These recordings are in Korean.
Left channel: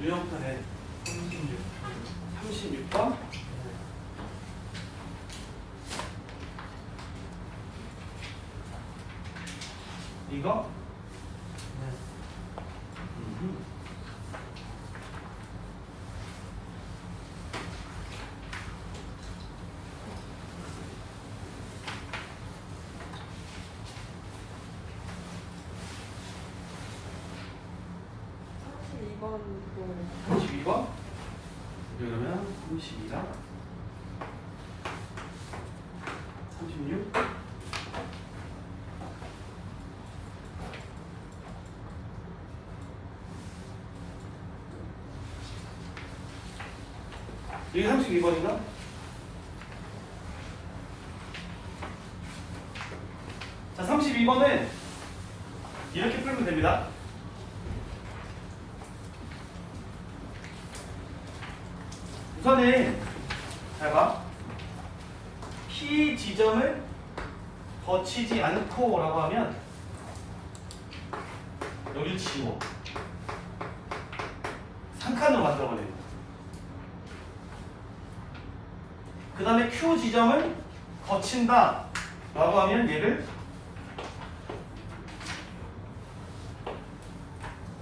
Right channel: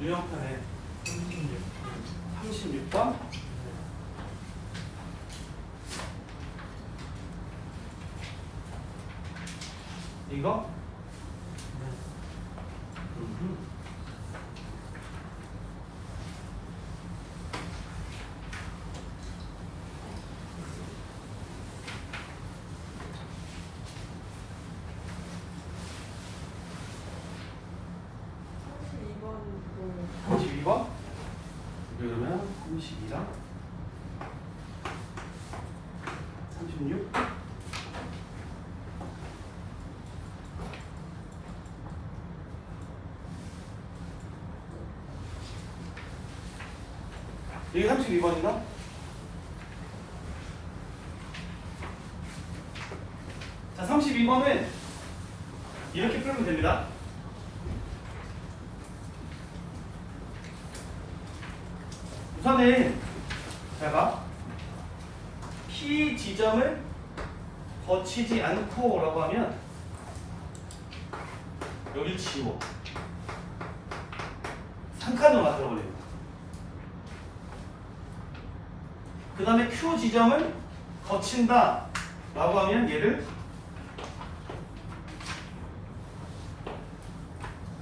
유형판에 36번 이거? 번 32번? 그러면 32랑 36? 여기 32번인가? 자, 32번은 이렇게 풀면 됩니다. 우선은 잘 봐. P 지점을 거치지 않고 라고 하면 여기 지워. 3칸으로 만들어버려요. 그 다음에 Q 지점을 거친다 라고 하면 얘를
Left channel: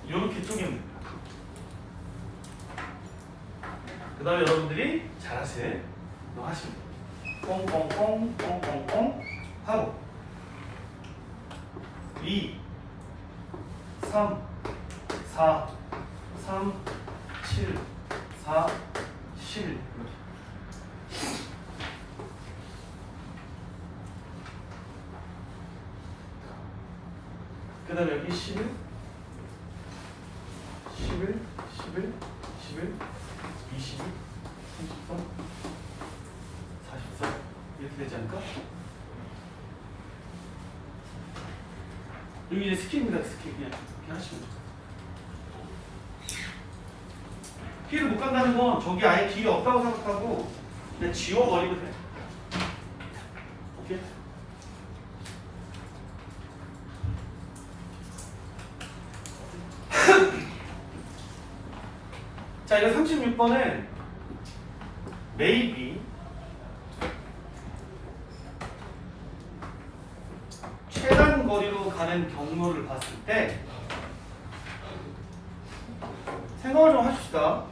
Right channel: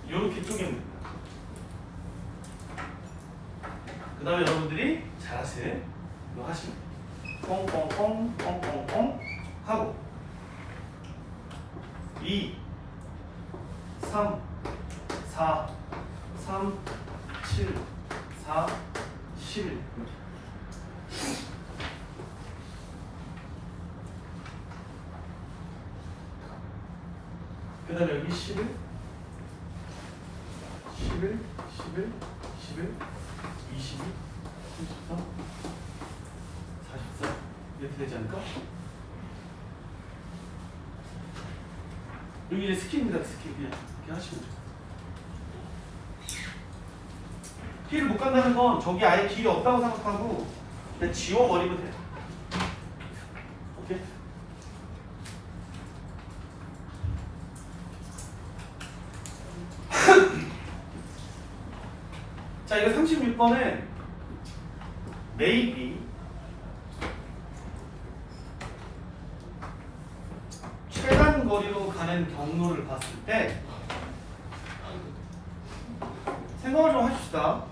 이렇게 쪼개면 됩니다. 그 다음에 여러분들이 잘하실 거 하시면 꽁꽁꽁 꽁꽁꽁 하고 2 3 4 3 7 4 11 그 다음에 여기 11 11 11 11 22 33 44 이렇게 되지 않을까? 여기 이제 스킵입니다. 스킵 그냥 이렇게 하시면 돼요. 길을 못 간다는 건 저기 아예 길이 없다고 생각하고 그냥 지워버리면 돼요. 오케이? 자, 이거 36번은 maybe 최단 거리로 가는 경로를 봤을 때 생각을 좀 하십시다.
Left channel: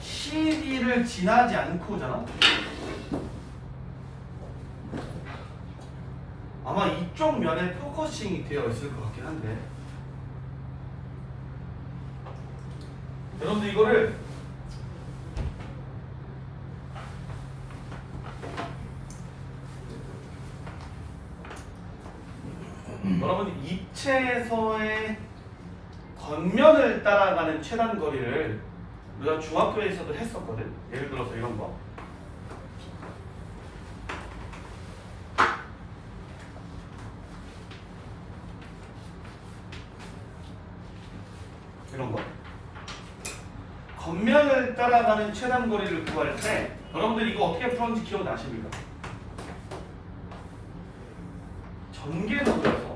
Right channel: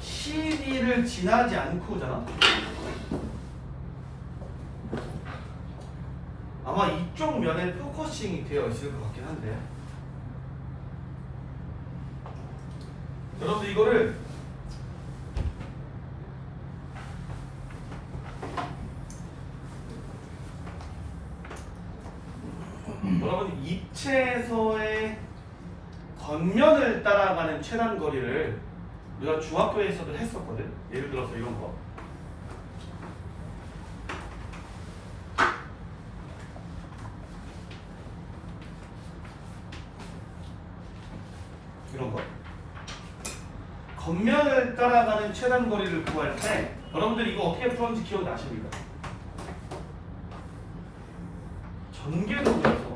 CD를 지나지 않고잖아. 아마 이쪽 면에 포커싱이 되어 있을 것 같긴 한데 여러분들 이거를 여러분 입체에서의 겉면을 따라가는 최단 거리를 우리가 중학교에서도 했었거든. 예를 들어서 이런 거 이런 거 겉면을 따라가는 최단 거리를 구할 때 여러분들 이거 어떻게 풀었는지 기억나십니까? 전개도에서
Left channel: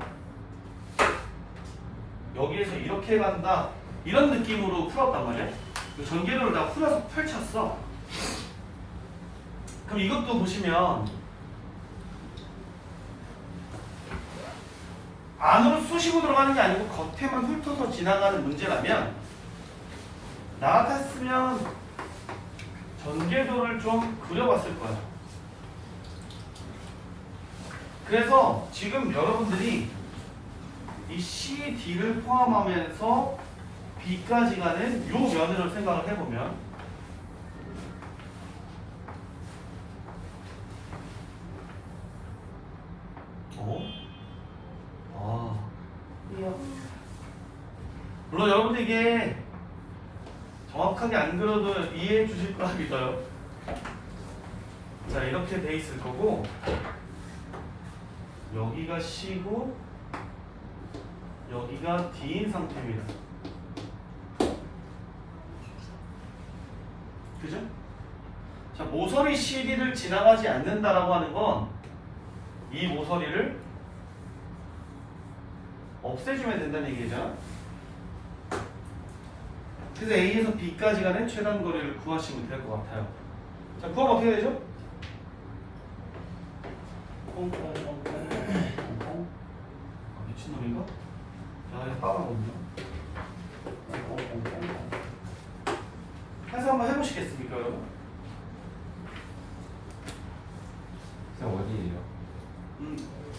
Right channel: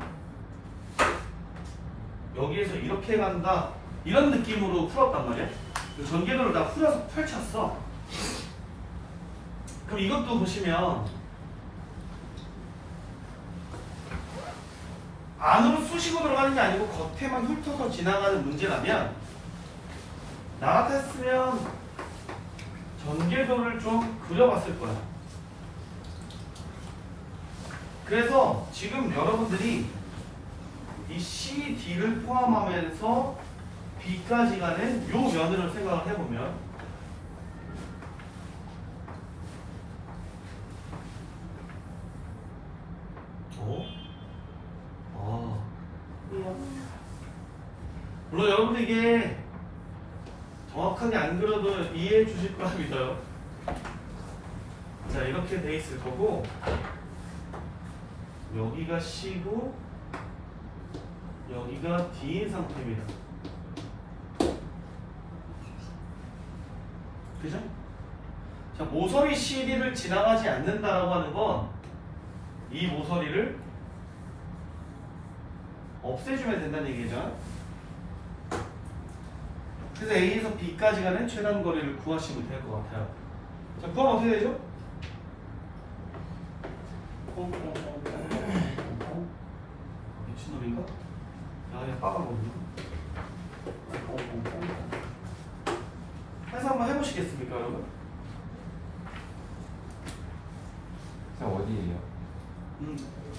여기에서 이렇게 간다 이런 느낌으로 풀었단 말이야. 전개도를 다 풀어서 펼쳤어. 그럼 이것도 보시면 안으로 쑤시고 들어가는 게 아니고 겉에만 훑어서 지나가는 문제라면 나 같았으면 전개도를 좀 그려봤을 거야. 그래서 지금 여러분들이 이 CD를 포함하면서 B까지 가는 요 면으로 생각을 해보면 물론 여러분들 이게 정확하게 안 그려도 이해해 주실 거라 믿어요. 자, 이렇게 돼 있을 거고 여기가 C고 여기가 D인 상태입니다. 그죠? 자, 모서리 CD를 지나가지 않는다라고 하는 건 이 모서리를 없애주면 된다는 얘기죠. 그래서 A에서 B까지 가는 최단 거리를 구하시면 될 것 같아요. 자, 구하면 어떻게 되죠? 미친놈인가? 야, 이거 빠가거든요. 해서 한번 해보시겠습니까, 여러분? 그냥 어디예요?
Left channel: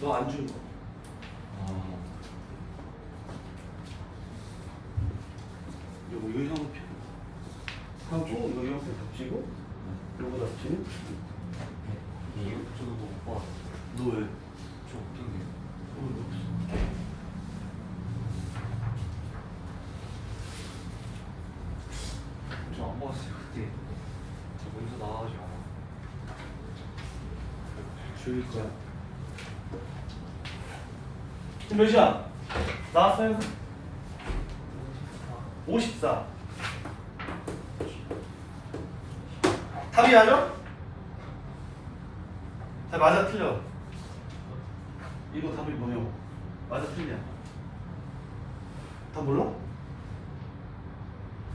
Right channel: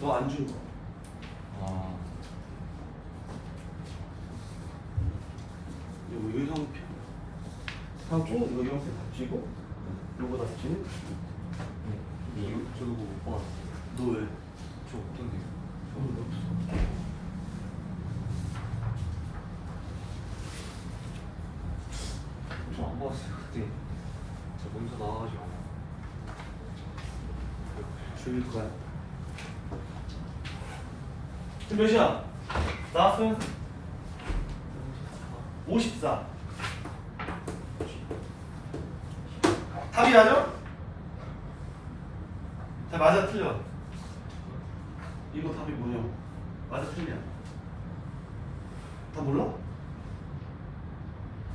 너 안 준 거. 아, 요거 형표 하고 이거 형표 덮치고 요거 덮치고. 네, 이거 저도 못 봤어요. 너 왜? 저 어떤데요? 너 없어. 저안 봤어요 그때. 저 먼저 나와가지고. 줄일 거야. 지금 몇이야? 나왔어요? 54. 답이 나죠? 자, 맞아 틀려. 이거 답이 뭐냐고. 맞아 틀려. 다 몰라?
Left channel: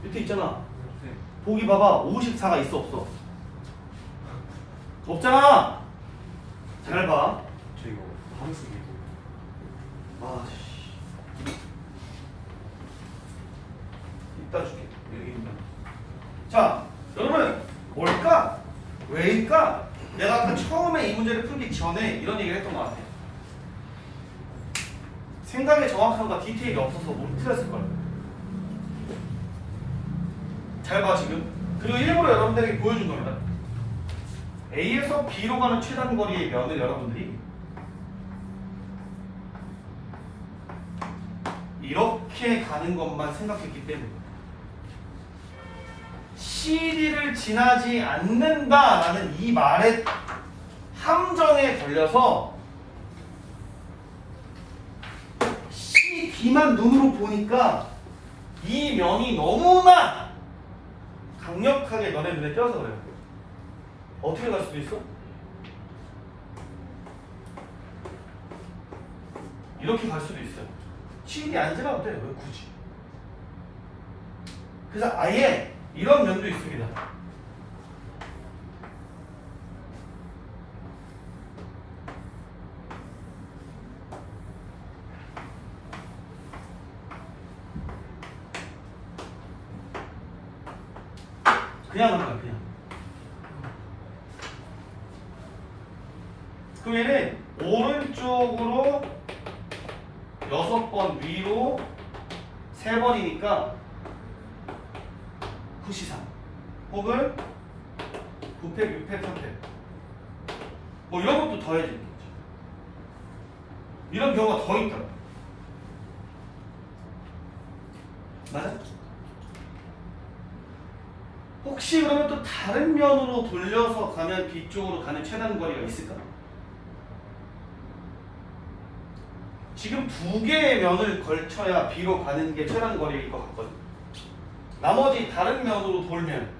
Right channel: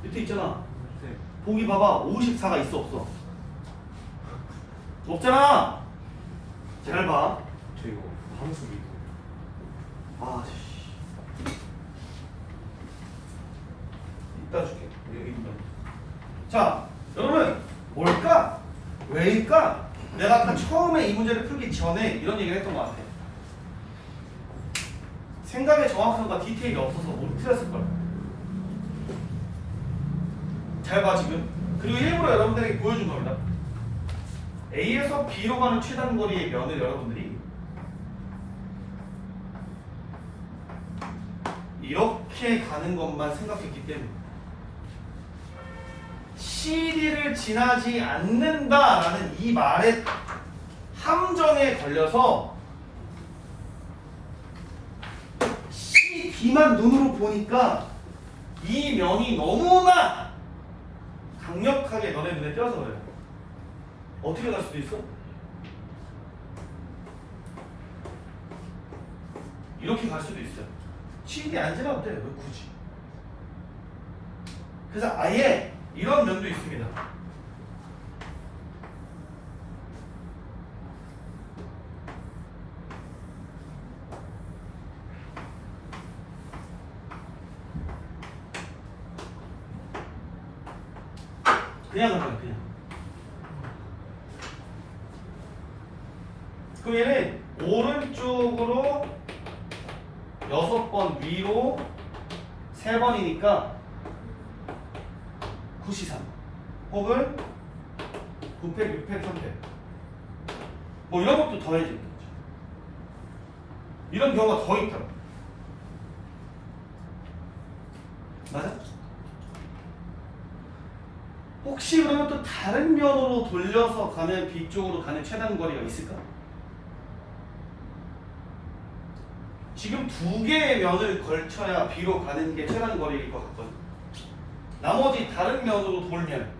밑에 있잖아. 네. 보기 봐봐. 54가 있어 없어? 없잖아. 잘 봐. 저 이거 하면서 이거. 아, 씨. 이따 줄게. 여기 있는. 자, 여러분, 뭘까? 왜일까? 내가 아까 처음에 이 문제를 풀기 전에 이런 얘기를 했던 것 같아. 생각의 정확함과 디테일이 없어서 너무 틀렸을 거야. 잘 봐, 지금. 그리고 일부러 여러분들에게 보여준 겁니다. A에서 B로 가는 최단 거리의 면을 여러분들이 이렇게 가는 것만 생각했기 때문에 CD를 지나지 않는다라는 이 말의 함정에 걸려서 CD만 눈으로 보니까 이 면이 너무나 강력하게 너네 눈에 띄어서 그래요. 어떻게 갈 수도 있어? 이렇게 갈 수도 있어요. CD 안 지나도 돼. 왜 굳이? 그래서 아예 이런 면도 있습니다. 그냥 간 거야, 그냥. 그럼 얘는 오른쪽으로 6번, 위로 3번이니까 9C3 혹은 9팩, 6팩, 3팩 뭐 이런 것도 더해지겠죠. 이런 경우가 더 있더라. 맞아? 혹시 그러면 또 다른 면으로 돌려서 가면 B쪽으로 가는 최단 거리가 있을까? 지금 2개의 면을 걸쳐야 B로 가는 게 최단 거리일 것 같거든. 나머지 다른 면으로 돌면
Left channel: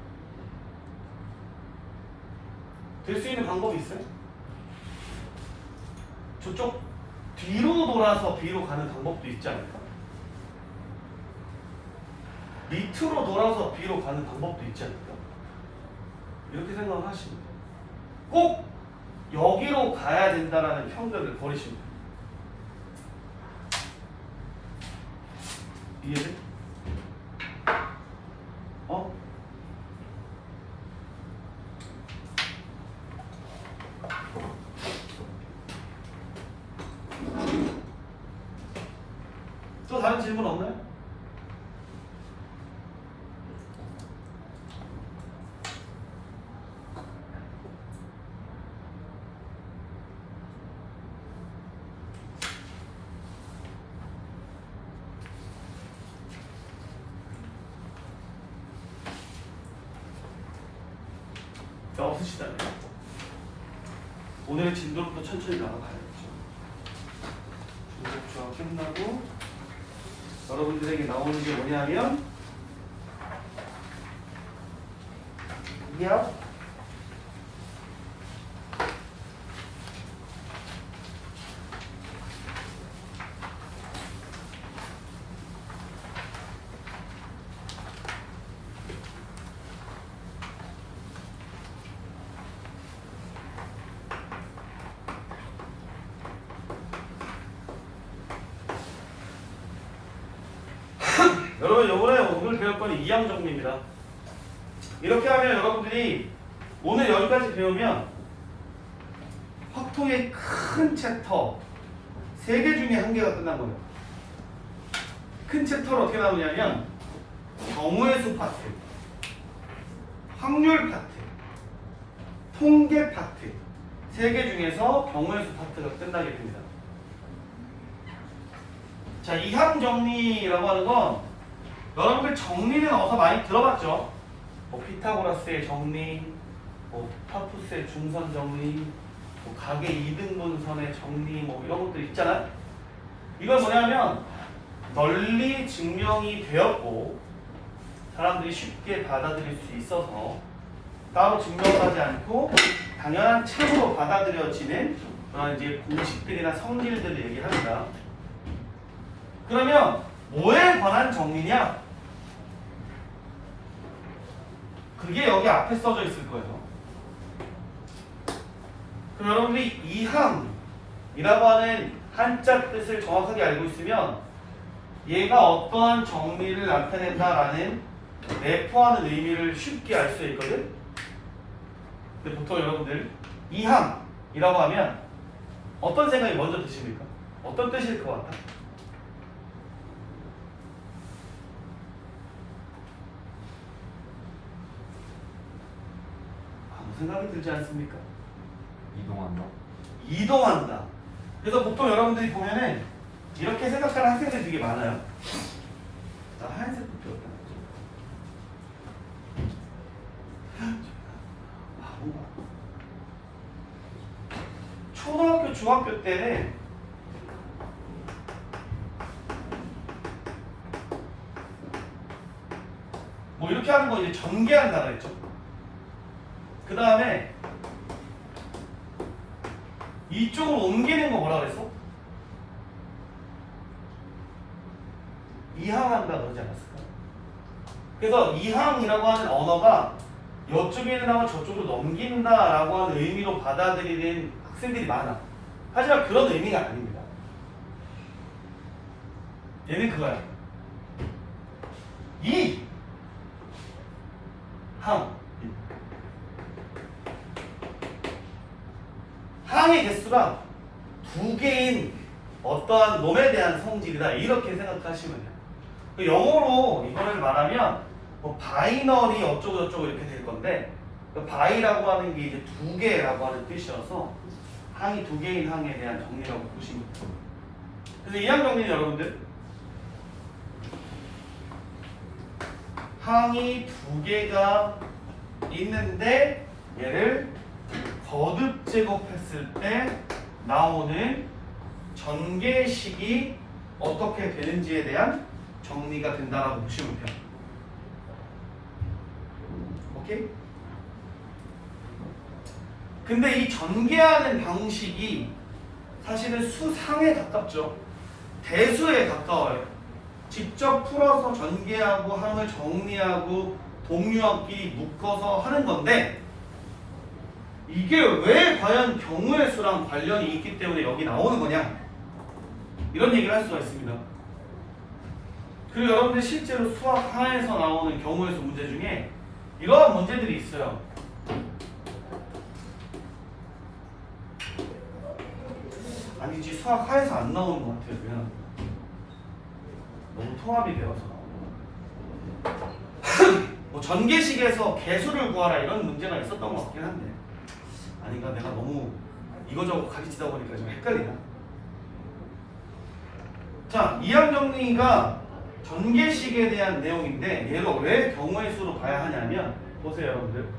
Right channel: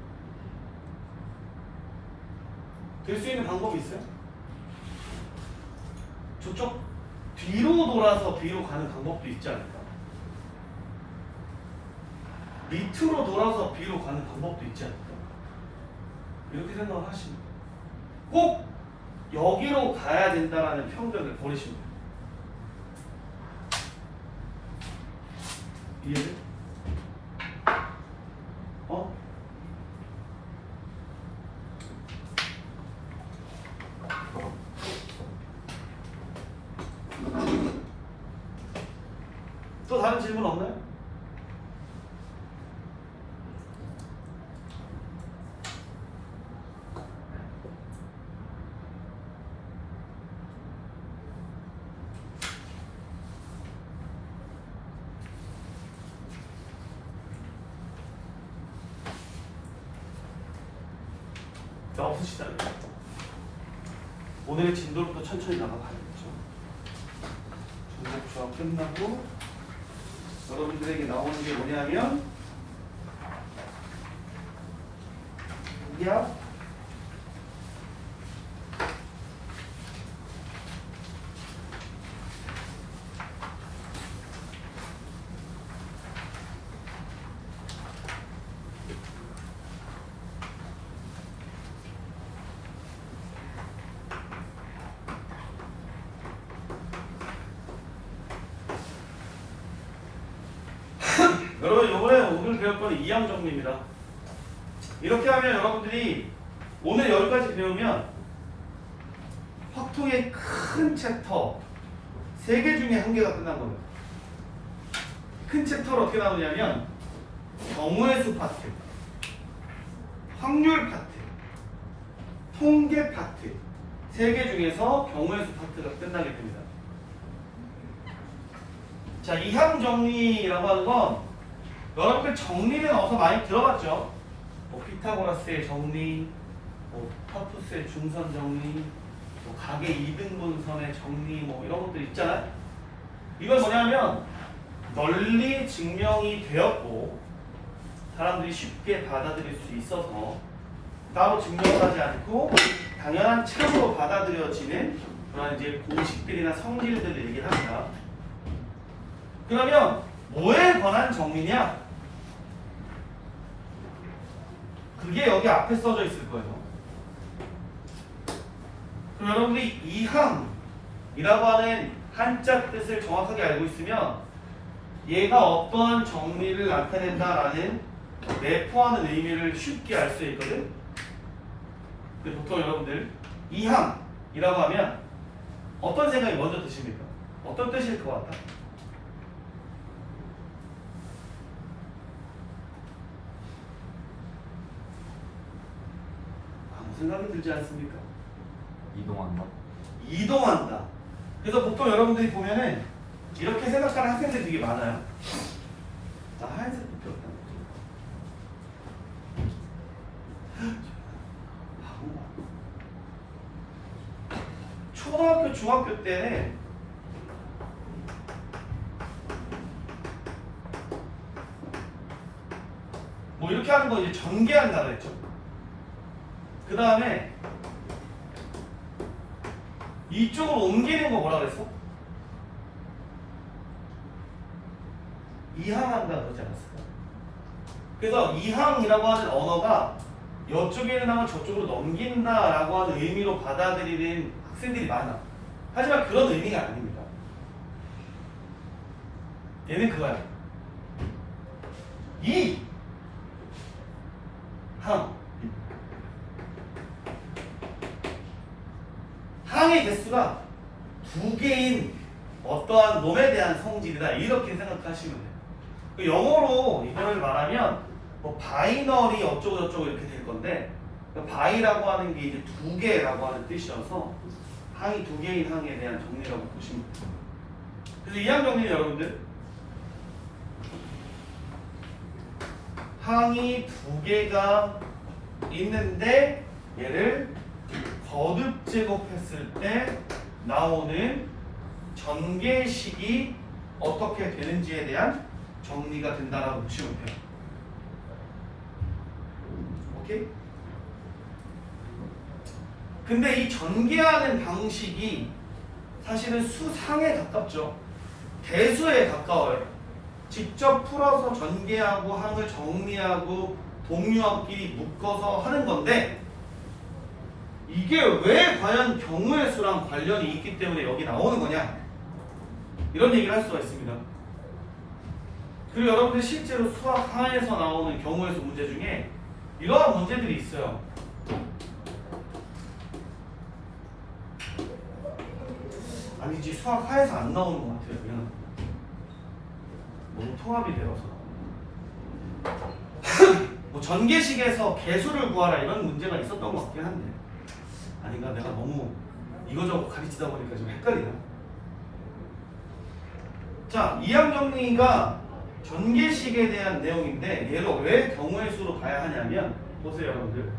될 수 있는 방법이 있어요? 저쪽 뒤로 돌아서 B로 가는 방법도 있지 않을까? 밑으로 돌아서 B로 가는 방법도 있지 않을까? 이렇게 생각을 하시면 꼭 여기로 가야 된다라는 편견을 버리시면 돼요. 이해돼? 어? 또 다른 질문 없나요? 없으시다면 오늘의 진도부터 천천히 나가봐야겠죠. 중복 조합 끝나고 여러분들에게 나오는 게 뭐냐면 야 여러분 요번에 오늘 배울 거는 이항 정리입니다. 이렇게 하면 여러분들이 오늘 여기까지 배우면 확통의 큰 챕터 3개 중에 1개가 끝난 거예요. 큰 챕터를 어떻게 나누냐면 경우의 수 파트, 확률 파트, 통계 파트 3개 중에서 경우의 수 파트가 끝나게 됩니다. 자, 이항 정리라고 하는 건 여러분들 정리는 어디서 많이 들어봤죠? 뭐 피타고라스의 정리, 뭐 파푸스의 중선 정리, 뭐 각의 이등분선의 정리, 뭐 이런 것들 있잖아요. 이걸 뭐냐면 널리 증명이 되었고 사람들이 쉽게 받아들일 수 있어서 따로 증명을 하지 않고 당연한 참으로 받아들여지는 그런 이제 공식들이나 성질들을 얘기합니다. 그러면 뭐에 관한 정리냐? 그게 여기 앞에 써져 있을 거예요. 그럼 여러분들이 이항이라고 하는 한자 뜻을 정확하게 알고 있으면 얘가 어떠한 정리를 나타낸다라는 내포하는 의미를 쉽게 알 수 있거든. 근데 보통 여러분들 이항이라고 하면 어떤 생각이 먼저 드십니까? 어떤 뜻일 것 같아? 아무 생각이 들지 않습니까? 이동한다. 이동한다. 그래서 보통 여러분들이 보면은 이렇게 생각하는 학생들이 되게 많아요. 나 하얀색 붙였다. 초등학교, 중학교 때는 뭐 이렇게 하는 거 이제 전개한다 그랬죠. 그 다음에 이쪽으로 옮기는 거 뭐라 그랬어? 이항한다 그러지 않았을까? 그래서 이항이라고 하는 언어가 이쪽에는 하면 저쪽으로 넘긴다라고 하는 의미로 받아들이는 학생들이 많아. 하지만 그런 의미가 아닙니다. 얘는 그거야. 이 항. 항의 개수가 2개인 어떠한 놈에 대한 성질이다. 이렇게 생각하시면 돼요. 영어로 이걸 말하면 뭐 바이너리 어쩌고 저쩌고 이렇게 될 건데 바이라고 하는 게 이제 2개라고 하는 뜻이어서 항이 2개인 항에 대한 정리라고 보시면 돼요. 그래서 이항 정리는 여러분들 항이 2개가 있는데 얘를 거듭 제곱했을 때 나오는 전개식이 어떻게 되는지에 대한 정리가 된다라고 보시면 돼요. 오케이? 근데 이 전개하는 방식이 사실은 수상에 가깝죠. 대수에 가까워요. 직접 풀어서 전개하고 항을 정리하고 동류항끼리 묶어서 하는 건데 이게 왜 과연 경우의 수랑 관련이 있기 때문에 여기 나오는 거냐? 이런 얘기를 할 수가 있습니다. 그리고 여러분들 실제로 수학 하에서 나오는 경우의 수 문제 중에 이러한 문제들이 있어요. 아니지 수학 하에서 안 나오는 것 같아요. 그냥 너무 통합이 되어서 나오는 거예요. 뭐 전개식에서 개수를 구하라 이런 문제가 있었던 것 같긴 한데 아닌가? 내가 너무 이거저거 가르치다 보니까 좀 헷갈리나? 자, 이항 정리가 전개식에 대한 내용인데 얘를 왜 경우의 수로 봐야 하냐면 보세요 여러분들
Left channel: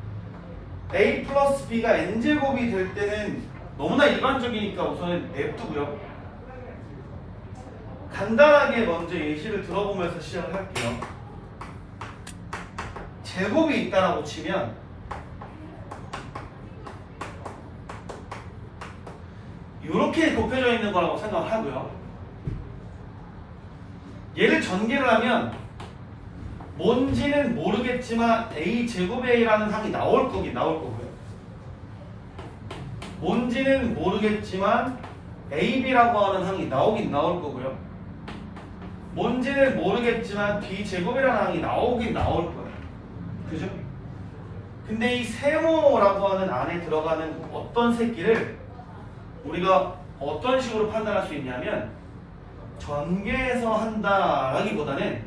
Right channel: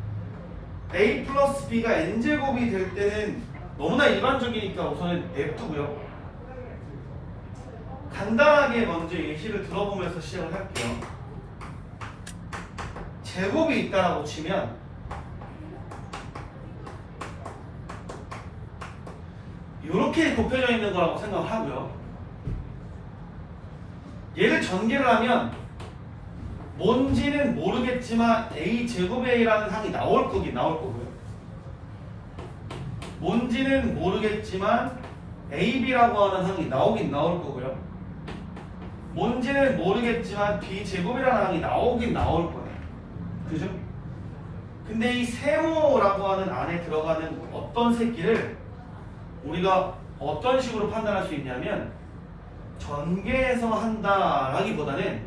a 플러스 b가 n제곱이 될 때는 너무나 일반적이니까 우선은 냅두고요. 간단하게 먼저 예시를 들어보면서 시작을 할게요. 제곱이 있다라고 치면 이렇게 곱해져 있는 거라고 생각을 하고요. 얘를 전개를 하면 뭔지는 모르겠지만 a제곱이라는 항이 나올 거고요. 뭔지는 모르겠지만 ab라고 하는 항이 나올 거고요. 뭔지는 모르겠지만 B제곱이라는 항이 나오긴 나올 거예요. 그죠? 근데 이 세모라고 하는 안에 들어가는 어떤 새끼를 우리가 어떤 식으로 판단할 수 있냐면 전개해서 한다라기보다는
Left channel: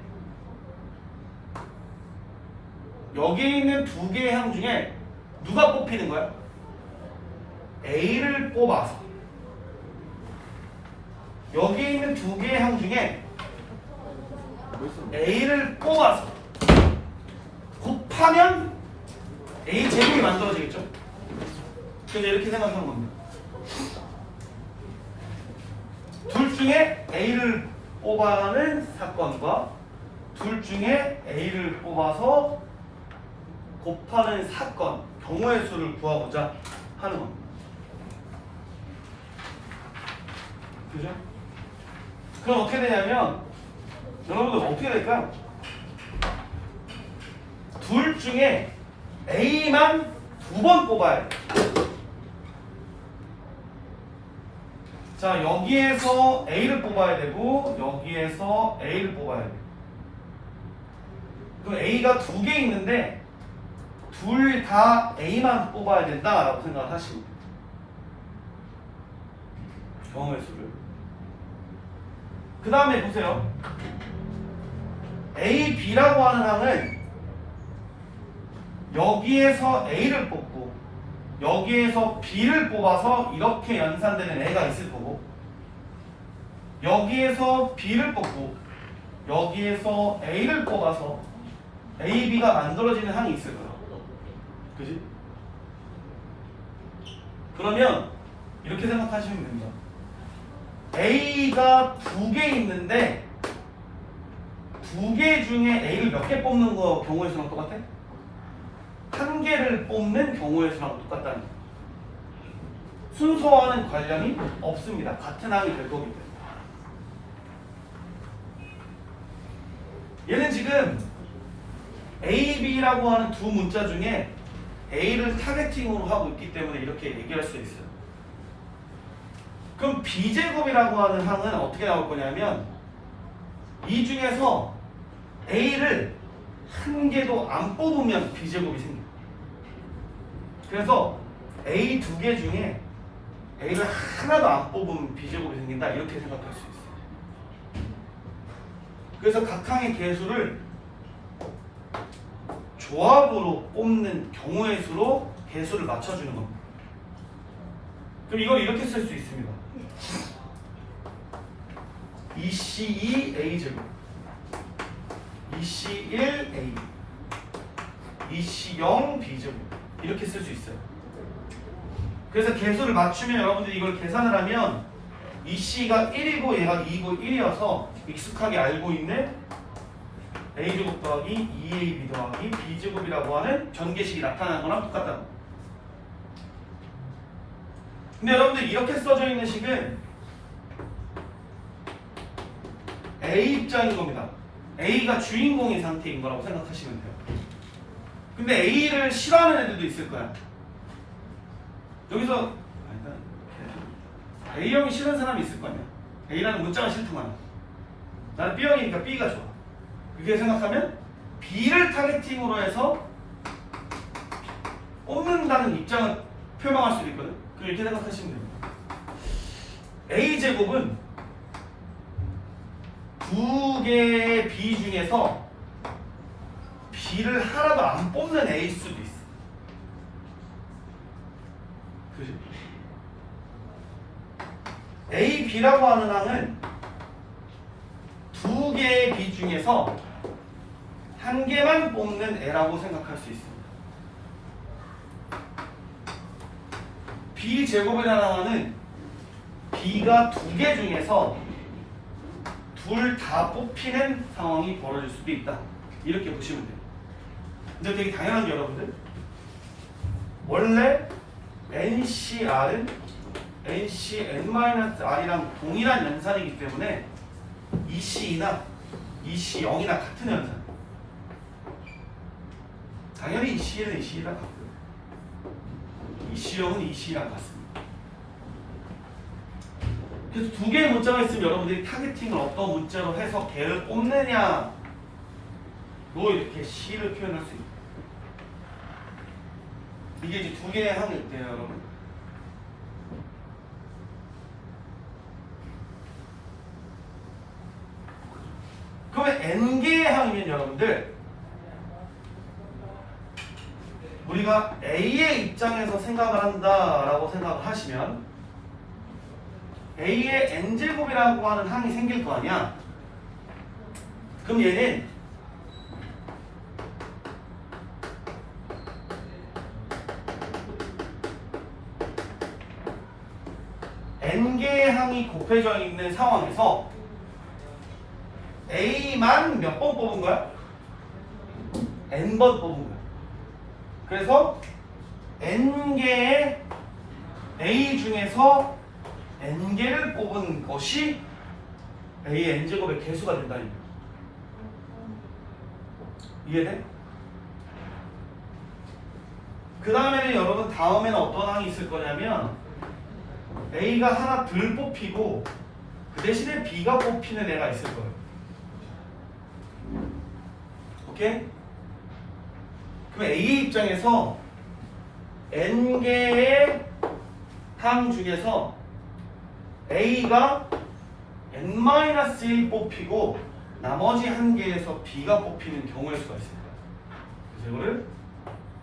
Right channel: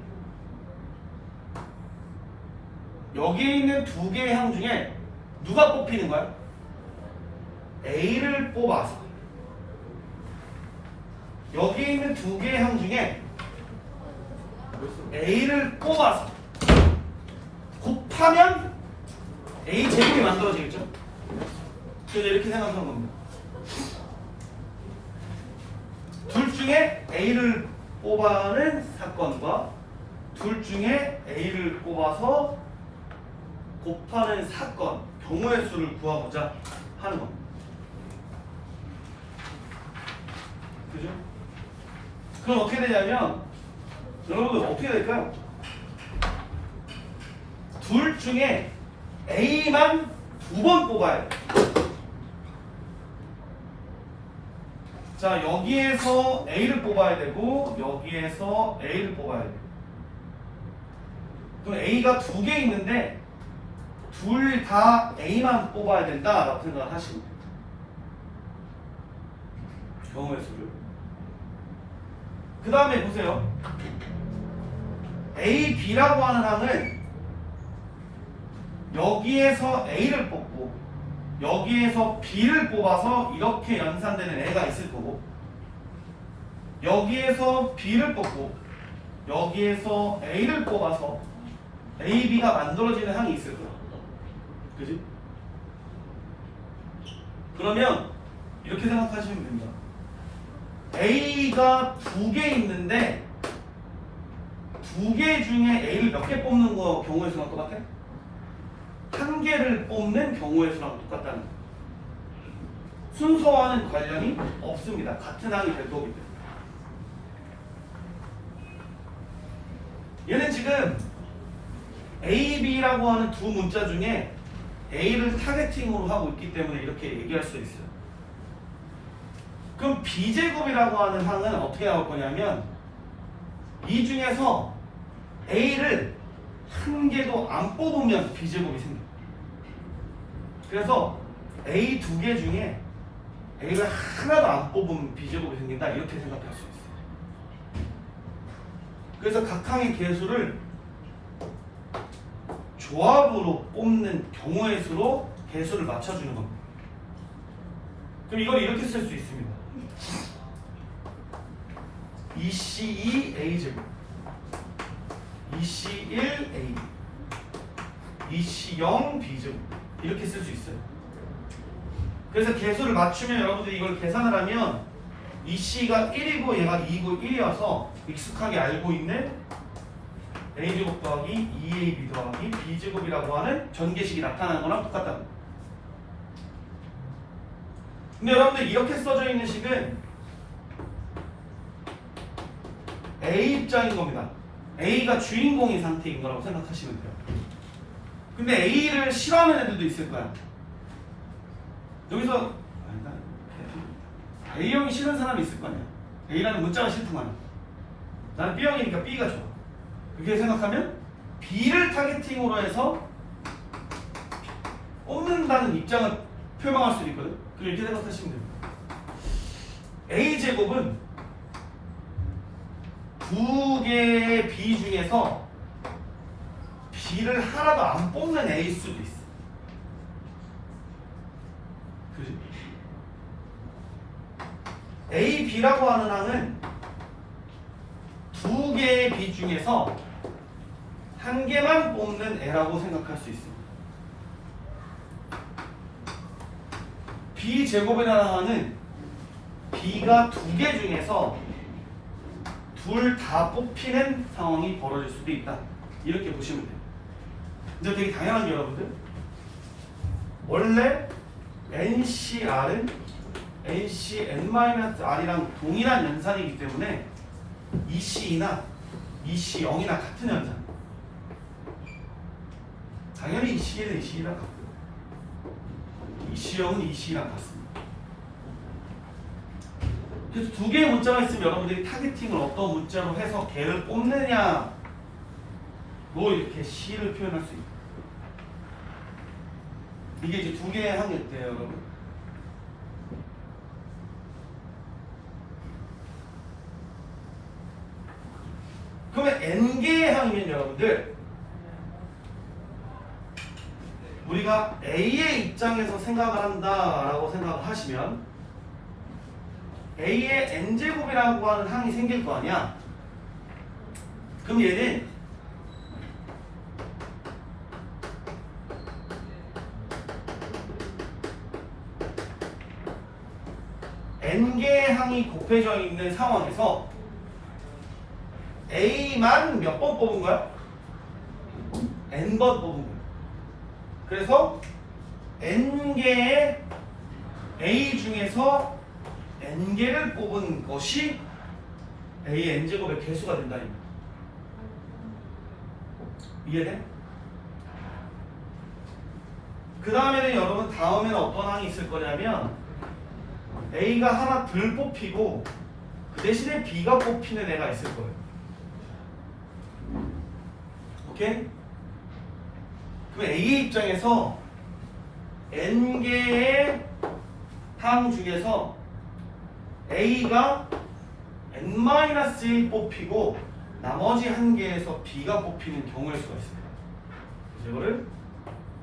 여기에 있는 두 개의 항 중에 누가 뽑히는 거야? A를 뽑아서 여기에 있는 두 개의 항 중에 A를 뽑아서 곱하면 A 제곱이 만들어지겠죠? 그래서 이렇게 생각하는 겁니다. 둘 중에 A를 뽑아는 사건과 둘 중에 A를 뽑아서 곱하는 사건, 경우의 수를 구하고자 하는 겁니다. 그죠? 그럼 어떻게 되냐면 여러분들 어떻게 될까요? 둘 중에 A만 두 번 뽑아야 돼. 자, 여기에서 A를 뽑아야 되고 여기에서 A를 뽑아야 돼. 그럼 A가 두 개 있는데 둘 다 A만 뽑아야 된다라고 생각을 하시면 돼요. 경우의 수를. 그 다음에 보세요. A, B라고 하는 항은 여기에서 A를 뽑고 여기에서 B를 뽑아서 이렇게 연산되는 애가 있을 거고 여기에서 B를 뽑고 여기에서 A를 뽑아서 A, B가 만들어지는 항이 있을 거야. 그지? 그러면 이렇게 생각하시면 됩니다. A가 두 개 있는데 두 개 중에 A를 몇 개 뽑는 거 경우의 수랑 똑같아? 한 개를 뽑는 경우의 수랑 똑같다는 거예요. 순서와는 관련이 없습니다. 같은 항이 될 거기 때문에. 얘는 지금 A, B라고 하는 두 문자 중에 A를 타겟팅으로 하고 있기 때문에 이렇게 얘기할 수 있어요. 그럼 B제곱이라고 하는 항은 어떻게 나올 거냐면 이 중에서 A를 한 개도 안 뽑으면 B제곱이 생겨요. 그래서 A 두 개 중에 A를 하나도 안 뽑으면 B제곱이 생긴다 이렇게 생각할 수 있어요. 그래서 각 항의 개수를 조합으로 뽑는 경우의 수로 개수를 맞춰주는 겁니다. 그럼 이걸 이렇게 쓸 수 있습니다. 2C2 A제곱 2C1 A 2C0 B제곱 이렇게 쓸 수 있어요. 그래서 개수를 맞추면 여러분들이 이걸 계산을 하면 2C가 1이고 얘가 2이고 1이어서 익숙하게 알고 있는 A제곱 더하기 2AB 더하기 B제곱이라고 하는 전개식이 나타나는 거랑 똑같다는 거예요. 근데 여러분들 이렇게 써져 있는 식은 A 입장인 겁니다. A가 주인공인 상태인 거라고 생각하시면 돼요. 근데 A를 싫어하는 애들도 있을 거야. 여기서 아니다. A형이 싫은 사람이 있을 거 아니야. A라는 문자가 싫구만. 나는 B형이니까 B가 좋아. 그렇게 생각하면 B를 타겟팅으로 해서 뽑는다는 입장을 표명할 수도 있거든. 이렇게 생각하시면 됩니다. A제곱은 두 개의 B 중에서 B를 하나도 안 뽑는 A일 수도 있어. 그지? A, B라고 하는 항은 두 개의 B 중에서 한 개만 뽑는 애라고 생각할 수 있습니다. B제곱이라는 항은 B가 두 개 중에서 둘 다 뽑히는 상황이 벌어질 수도 있다. 이렇게 보시면 돼요. 근데 되게 당연한 게 여러분들 원래 NCR은 NCN-R이랑 동일한 연산이기 때문에 EC2나 EC0이나 같은 연산. 당연히 EC1은 EC2랑 같고요. EC0은 EC2랑 같습니다. 그래서 두 개의 문자가 있으면 여러분들이 타겟팅을 어떤 문자로 해서 걔를 뽑느냐로 이렇게 C를 표현할 수 있어요. 이게 이제 두 개의 항이 있대요, 여러분. 그러면 N개의 항이면 여러분들 우리가 A의 입장에서 생각을 한다라고 생각을 하시면 A의 N제곱이라고 하는 항이 생길 거 아니야? 그럼 얘는 N개의 항이 곱해져 있는 상황에서 A만 몇 번 뽑은 거야? N번 뽑은 거야. 그래서 N개의 A 중에서 N개를 뽑은 것이 A의 N제곱의 개수가 된다는 거야. 이해돼? 그 다음에는 여러분 다음에는 어떤 항이 있을 거냐면 A가 하나 덜 뽑히고 그 대신에 B가 뽑히는 애가 있을 거예요. 오케이? 그럼 A의 입장에서 N개의 항 중에서 A가 N-1 뽑히고 나머지 한 개에서 B가 뽑히는 경우일 수가 있습니다. 그래서 이거를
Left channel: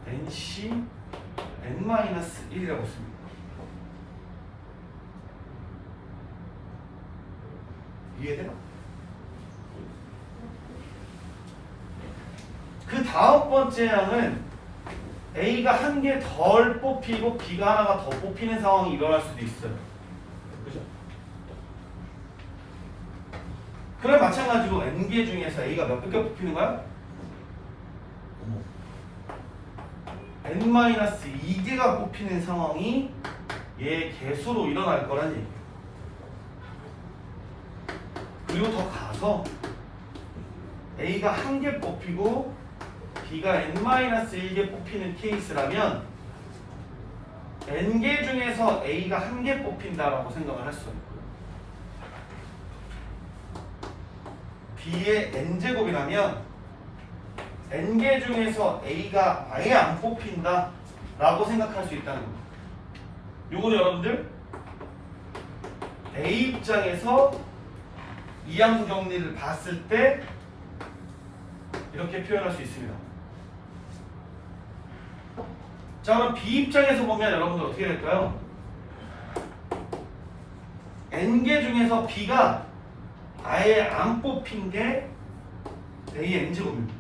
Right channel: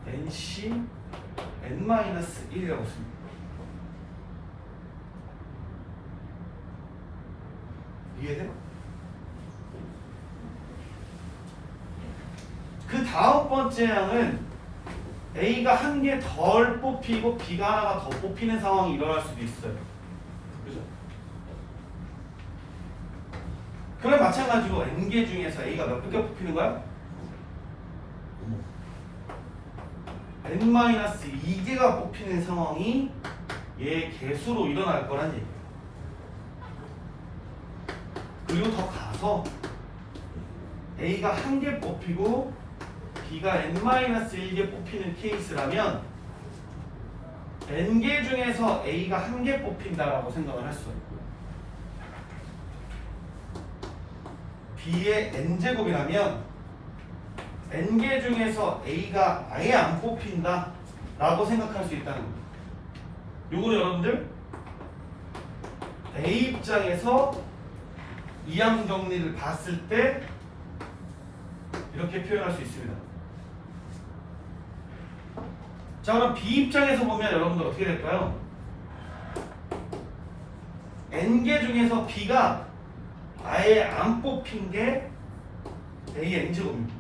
NC N-1이라고 씁니다. 이해돼? 그 다음 번째 항은 A가 한 개 덜 뽑히고 B가 하나가 더 뽑히는 상황이 일어날 수도 있어요. 그죠? 그럼 마찬가지로 N개 중에서 A가 몇 개 뽑히는 거야? N-2개가 뽑히는 상황이 얘의 개수로 일어날 거란 얘기예요. 그리고 더 가서 A가 한 개 뽑히고 B가 N-1개 뽑히는 케이스라면 N개 중에서 A가 한 개 뽑힌다라고 생각을 할 수 있고요. B의 N제곱이라면 N개 중에서 A가 아예 안 뽑힌다라고 생각할 수 있다는 겁니다. 요거는 여러분들 A 입장에서 이항 정리를 봤을 때 이렇게 표현할 수 있습니다. 자, 그럼 B 입장에서 보면 여러분들 어떻게 될까요? N개 중에서 B가 아예 안 뽑힌 게 A의 N제곱입니다.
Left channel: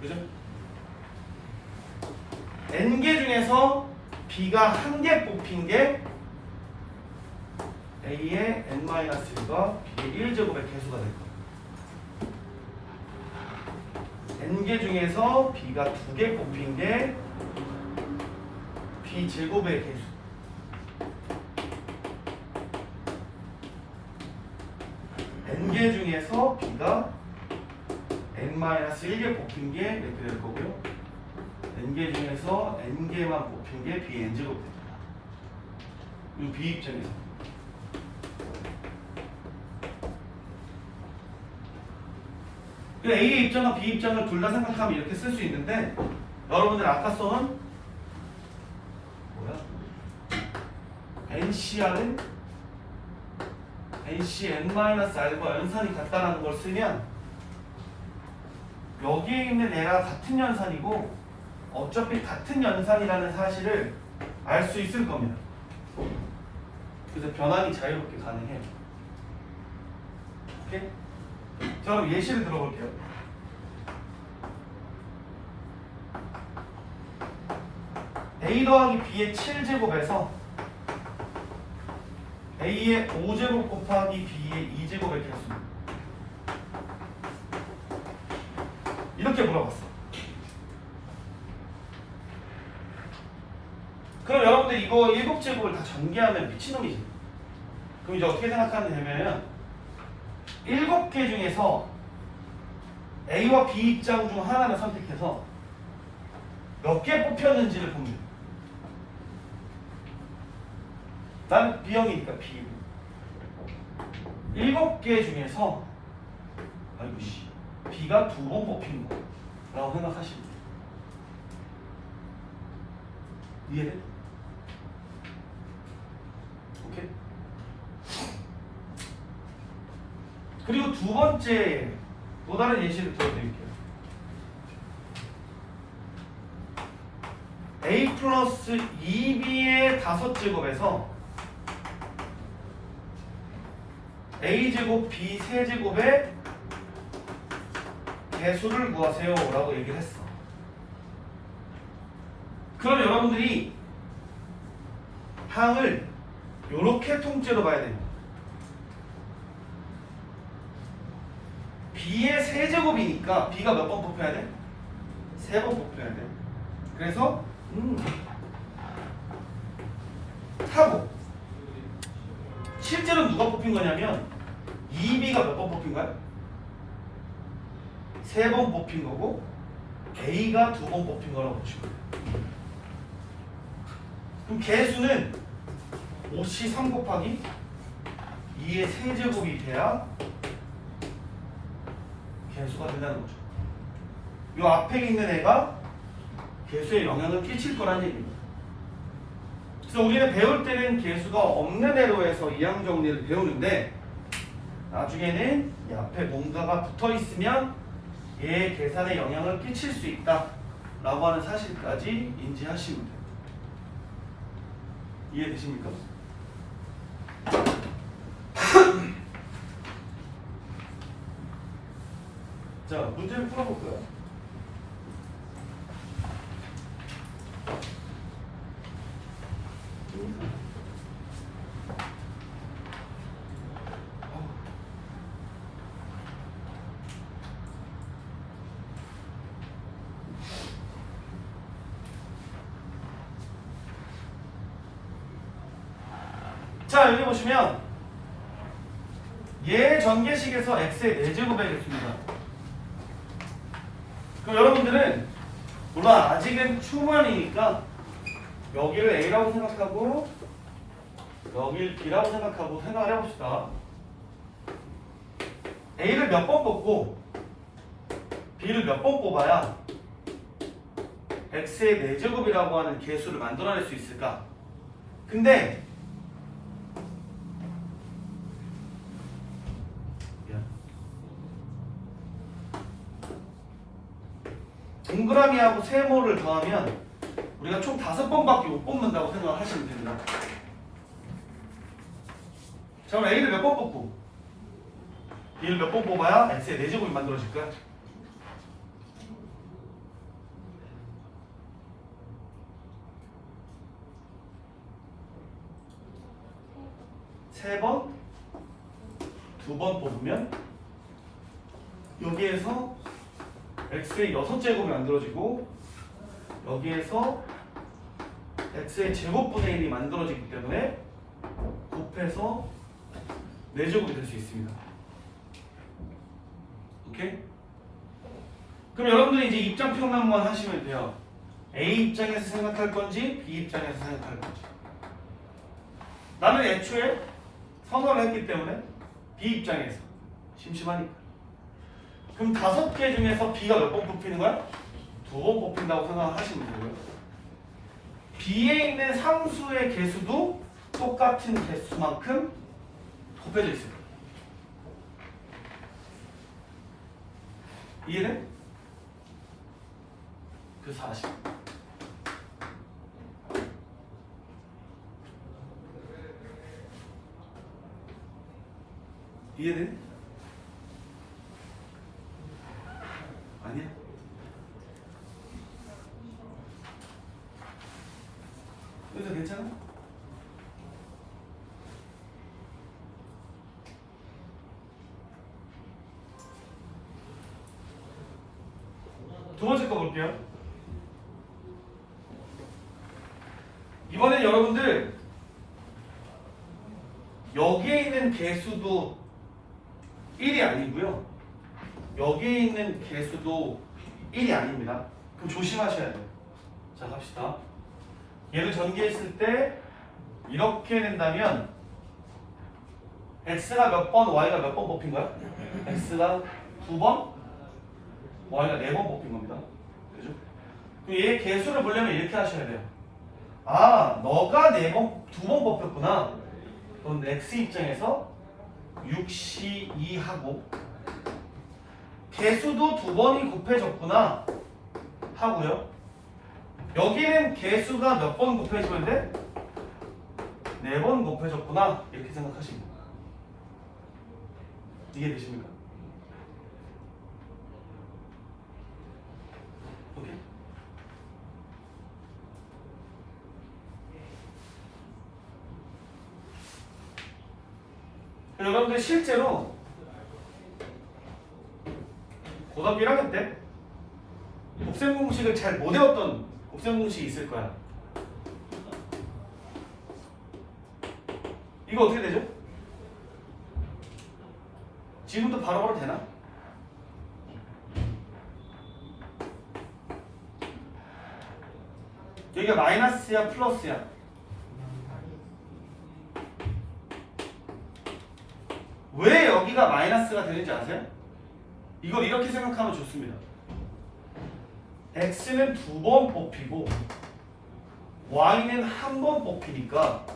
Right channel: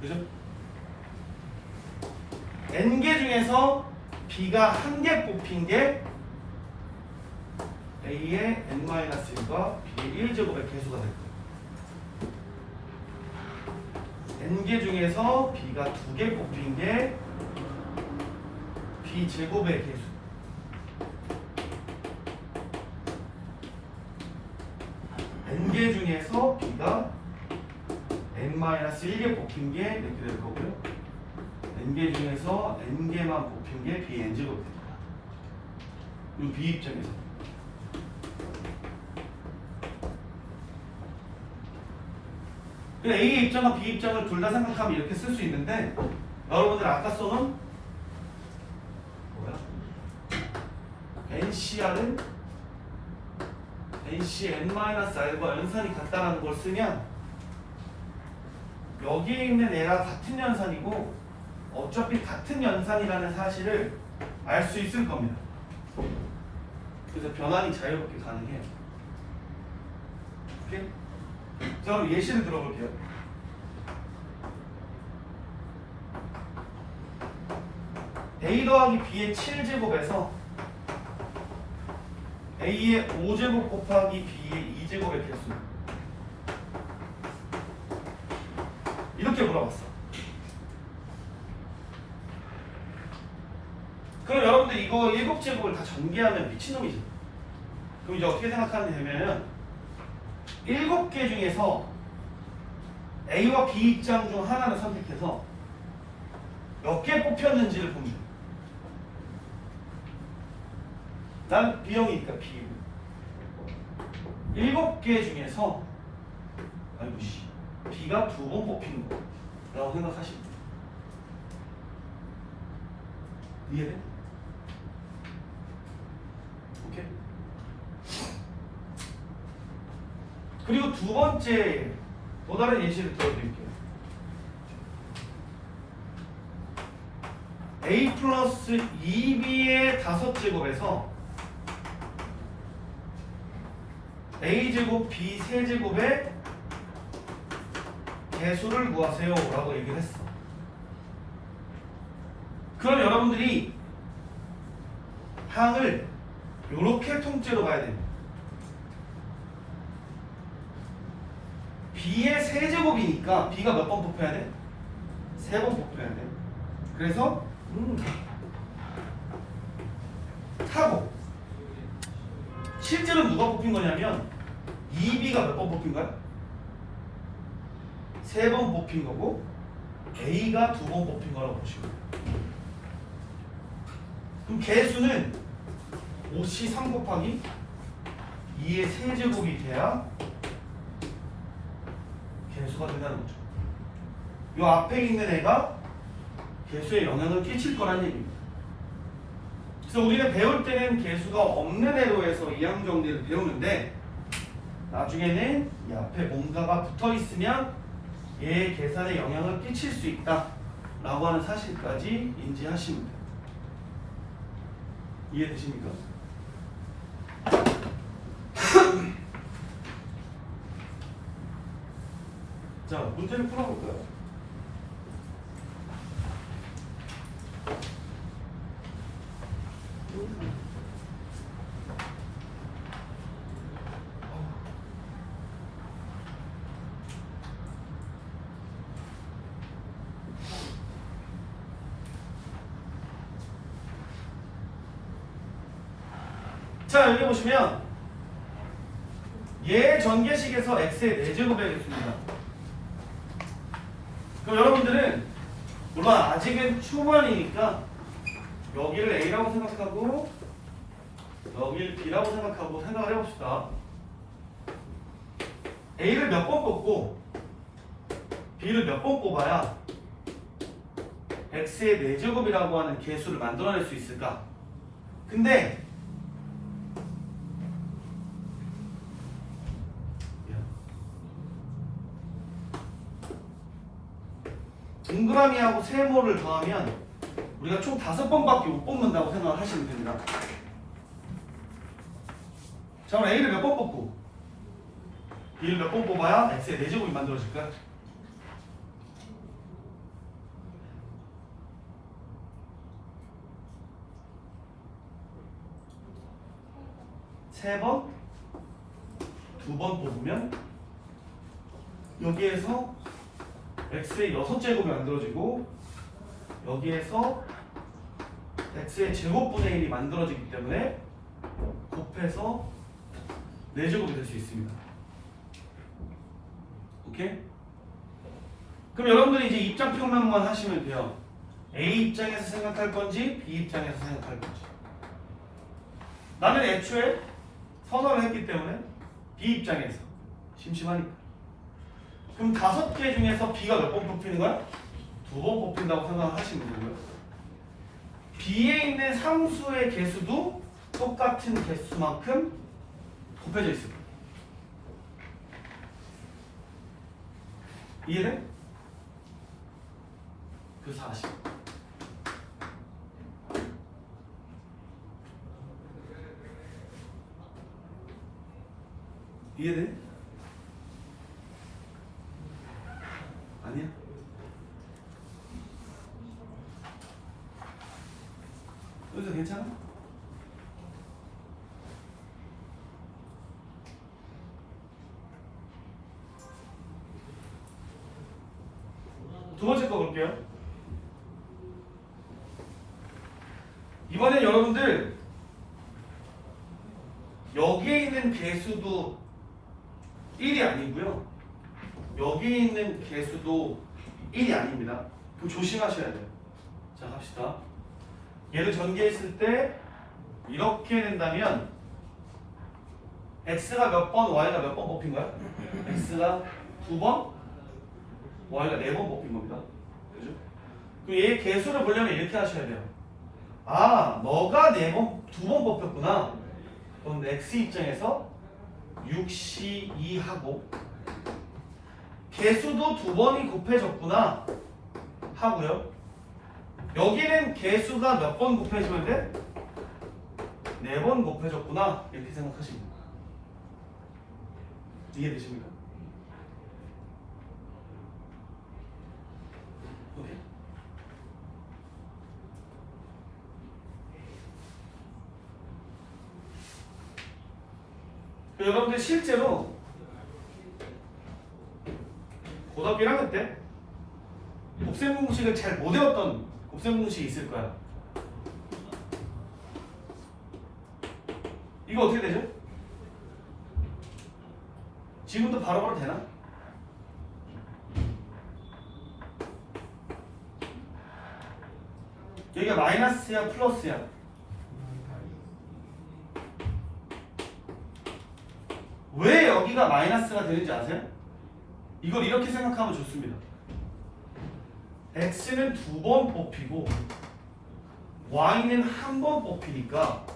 그죠? N개 중에서 B가 한 개 뽑힌 게 A의 N-1과 B의 1제곱의 개수가 될 겁니다. N개 중에서 B가 두 개 뽑힌 게 B 제곱의 개수. N개 중에서 B가 N-1개 뽑힌 게 이렇게 될 거고요. N개 중에서 N개만 뽑힌 게 B N제곱 됩니다. 이 B 입장에서. A의 입장과 B 입장을 둘 다 생각하면 이렇게 쓸 수 있는데 여러분들 아까 써놓은 뭐야? NCR은 NC N-R과 연산이 같다는 걸 쓰면 여기에 있는 얘랑 같은 연산이고 어차피 같은 연산이라는 사실을 알 수 있을 겁니다. 그래서 변환이 자유롭게 가능해요. 오케이? 자, 그럼 예시를 들어볼게요. A 더하기 B의 7제곱에서 A의 5제곱 곱하기 B의 2제곱의 개수입니다. 이렇게 물어봤어. 그럼 여러분들 이거 7제곱을 다 전개하면 미친놈이지. 그럼 이제 어떻게 생각하면 되냐면 7개 중에서 A와 B 입장 중 하나를 선택해서 몇 개 뽑혔는지를 봅니다. 난 B형이니까 B. 7개 중에서 아이고 씨 B가 2번 뽑힌 거라고 생각하시면 돼요. 이해돼? 오케이? 그리고 두 번째 또 다른 예시를 들어드릴게요. A 플러스 2B의 5제곱에서 A제곱 B 세제곱의 개수를 구하세요 라고 얘기를 했어. 그럼 여러분들이 항을 이렇게 통째로 봐야 됩니다. B의 세제곱이니까 B가 몇 번 뽑혀야 돼? 3번 뽑혀야 돼. 그래서 하고 실제로 누가 뽑힌 거냐면 2B가 몇 번 뽑힌 거야? 3번 뽑힌 거고 A가 2번 뽑힌 거라고 보시면 돼요. 그럼 개수는 5시 3 곱하기 2의 세제곱이 돼야 개수가 된다는 거죠. 이 앞에 있는 애가 개수에 영향을 끼칠 거란 얘기입니다. 그래서 우리는 배울 때는 개수가 없는 애로 해서 이항 정리를 배우는데 나중에는 이 앞에 뭔가가 붙어 있으면 얘의 계산에 영향을 끼칠 수 있다 라고 하는 사실까지 인지하시면 돼요. 이해되십니까? 자, 문제를 풀어볼까요? 자, 여기 보시면 얘 전개식에서 x의 4제곱 해야겠습니다. 그럼 여러분들은 물론 아직은 초반이니까 여기를 A라고 생각하고 여기를 B라고 생각하고 생각을 해봅시다. A를 몇 번 뽑고 B를 몇 번 뽑아야 x의 4제곱이라고 하는 개수를 만들어낼 수 있을까? 근데 동그라미하고 세모를 더하면 우리가 총 5번밖에 못 뽑는다고 생각을 하시면 됩니다. 자, 그럼 A를 몇 번 뽑고 B를 몇 번 뽑아야 X의 4제곱이 만들어질까요? 세 번? 2번 뽑으면 여기에서 x의 6제곱이 만들어지고 여기에서 x의 제곱분의 1이 만들어지기 때문에 곱해서 4제곱이 될 수 있습니다. 오케이? 그럼 여러분들이 이제 입장 평면만 하시면 돼요. A 입장에서 생각할 건지 B 입장에서 생각할 건지. 나는 애초에 선언을 했기 때문에 B 입장에서 심심하니까. 그럼 5개 중에서 B가 몇 번 뽑히는 거야? 2번 뽑힌다고 생각을 하시면 되고요. B에 있는 상수의 개수도 똑같은 개수만큼 곱해져 있습니다. 이해돼? 그 40. 이해돼? 아니야? 여기서 괜찮아? 두 번째 거 볼게요. 이번엔 여러분들 여기에 있는 개수도 1이 아니고요. 여기 있는 개수도 1이 아닙니다. 그럼 조심하셔야 돼요. 자, 갑시다. 얘를 전개했을 때 이렇게 된다면 x가 몇 번, y가 몇 번 뽑힌 거야? x가 2번, y가 4번 뽑힌 겁니다. 그죠? 얘 개수를 보려면 이렇게 하셔야 돼요. 아, 너가 2번 뽑혔구나. 그럼 x 입장에서 6시 2하고 개수도 2번이 곱해졌구나 하고요. 여기는 개수가 몇 번 곱해졌는데 4번 곱해졌구나 이렇게 생각하시면 됩니다. 이해되십니까? 오케이. 여러분들 실제로 고등학교 1학년 때 곱셈 공식을 잘 못 외웠던 곱셈 공식이 있을 거야. 이거 어떻게 되죠? 지금도 바로바로 되나? 여기가 마이너스야 플러스야? 왜 여기가 마이너스가 되는지 아세요? 이걸 이렇게 생각하면 좋습니다. x는 2번 뽑히고 y는 1번 뽑히니까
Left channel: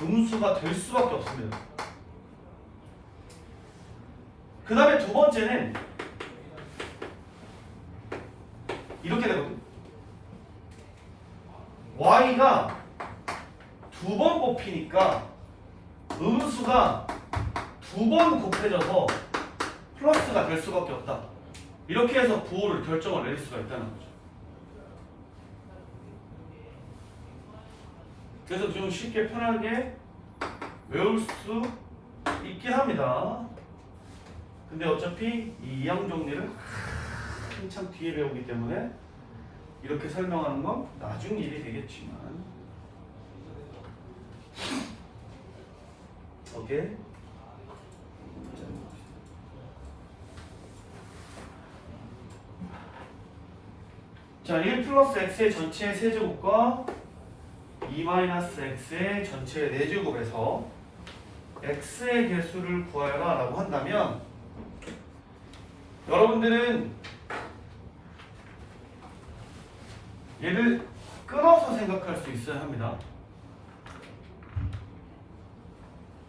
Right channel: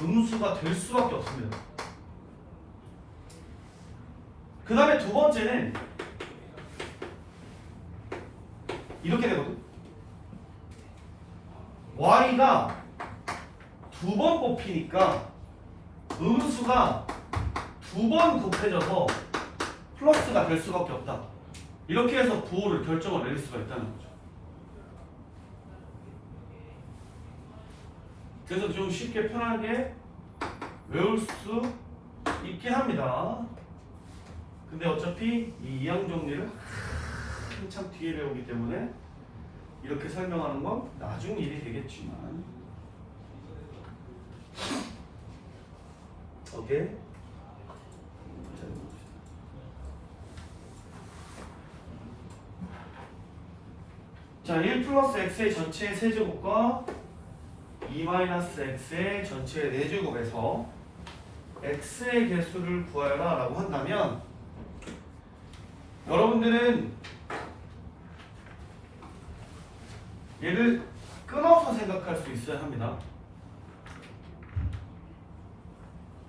음수가 될 수밖에 없습니다. 그 다음에 두 번째는 이렇게 되거든. y가 2번 뽑히니까 음수가 2번 곱해져서 플러스가 될 수밖에 없다. 이렇게 해서 부호를 결정을 내릴 수가 있다는 거죠. 그래서 좀 쉽게 편하게 외울 수 있긴 합니다. 근데 어차피 이 이항 정리를 한참 뒤에 배우기 때문에 이렇게 설명하는 건 나중 일이 되겠지만 오케이? 자, 1 플러스 x의 전체 세제곱과 2 마이너스 x의 전체 4제곱에서 x의 개수를 구하라 라고 한다면 여러분들은 얘를 끊어서 생각할 수 있어야 합니다.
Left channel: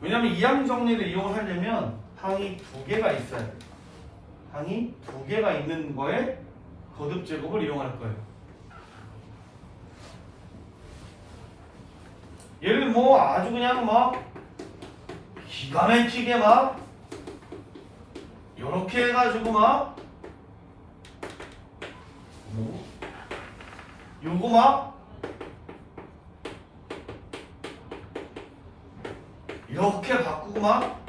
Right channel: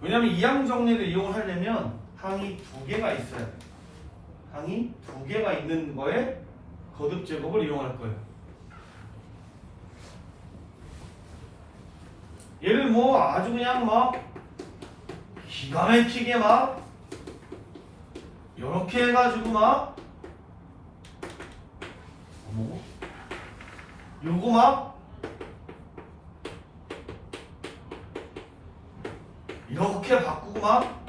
왜냐하면 이항 정리를 이용을 하려면 항이 2개가 있어야 돼요. 항이 2개가 있는 거에 거듭 제곱을 이용할 거예요. 얘를 뭐 아주 그냥 막 기가 막히게 막 요렇게 해가지고 막 요거 막 이렇게 바꾸고 막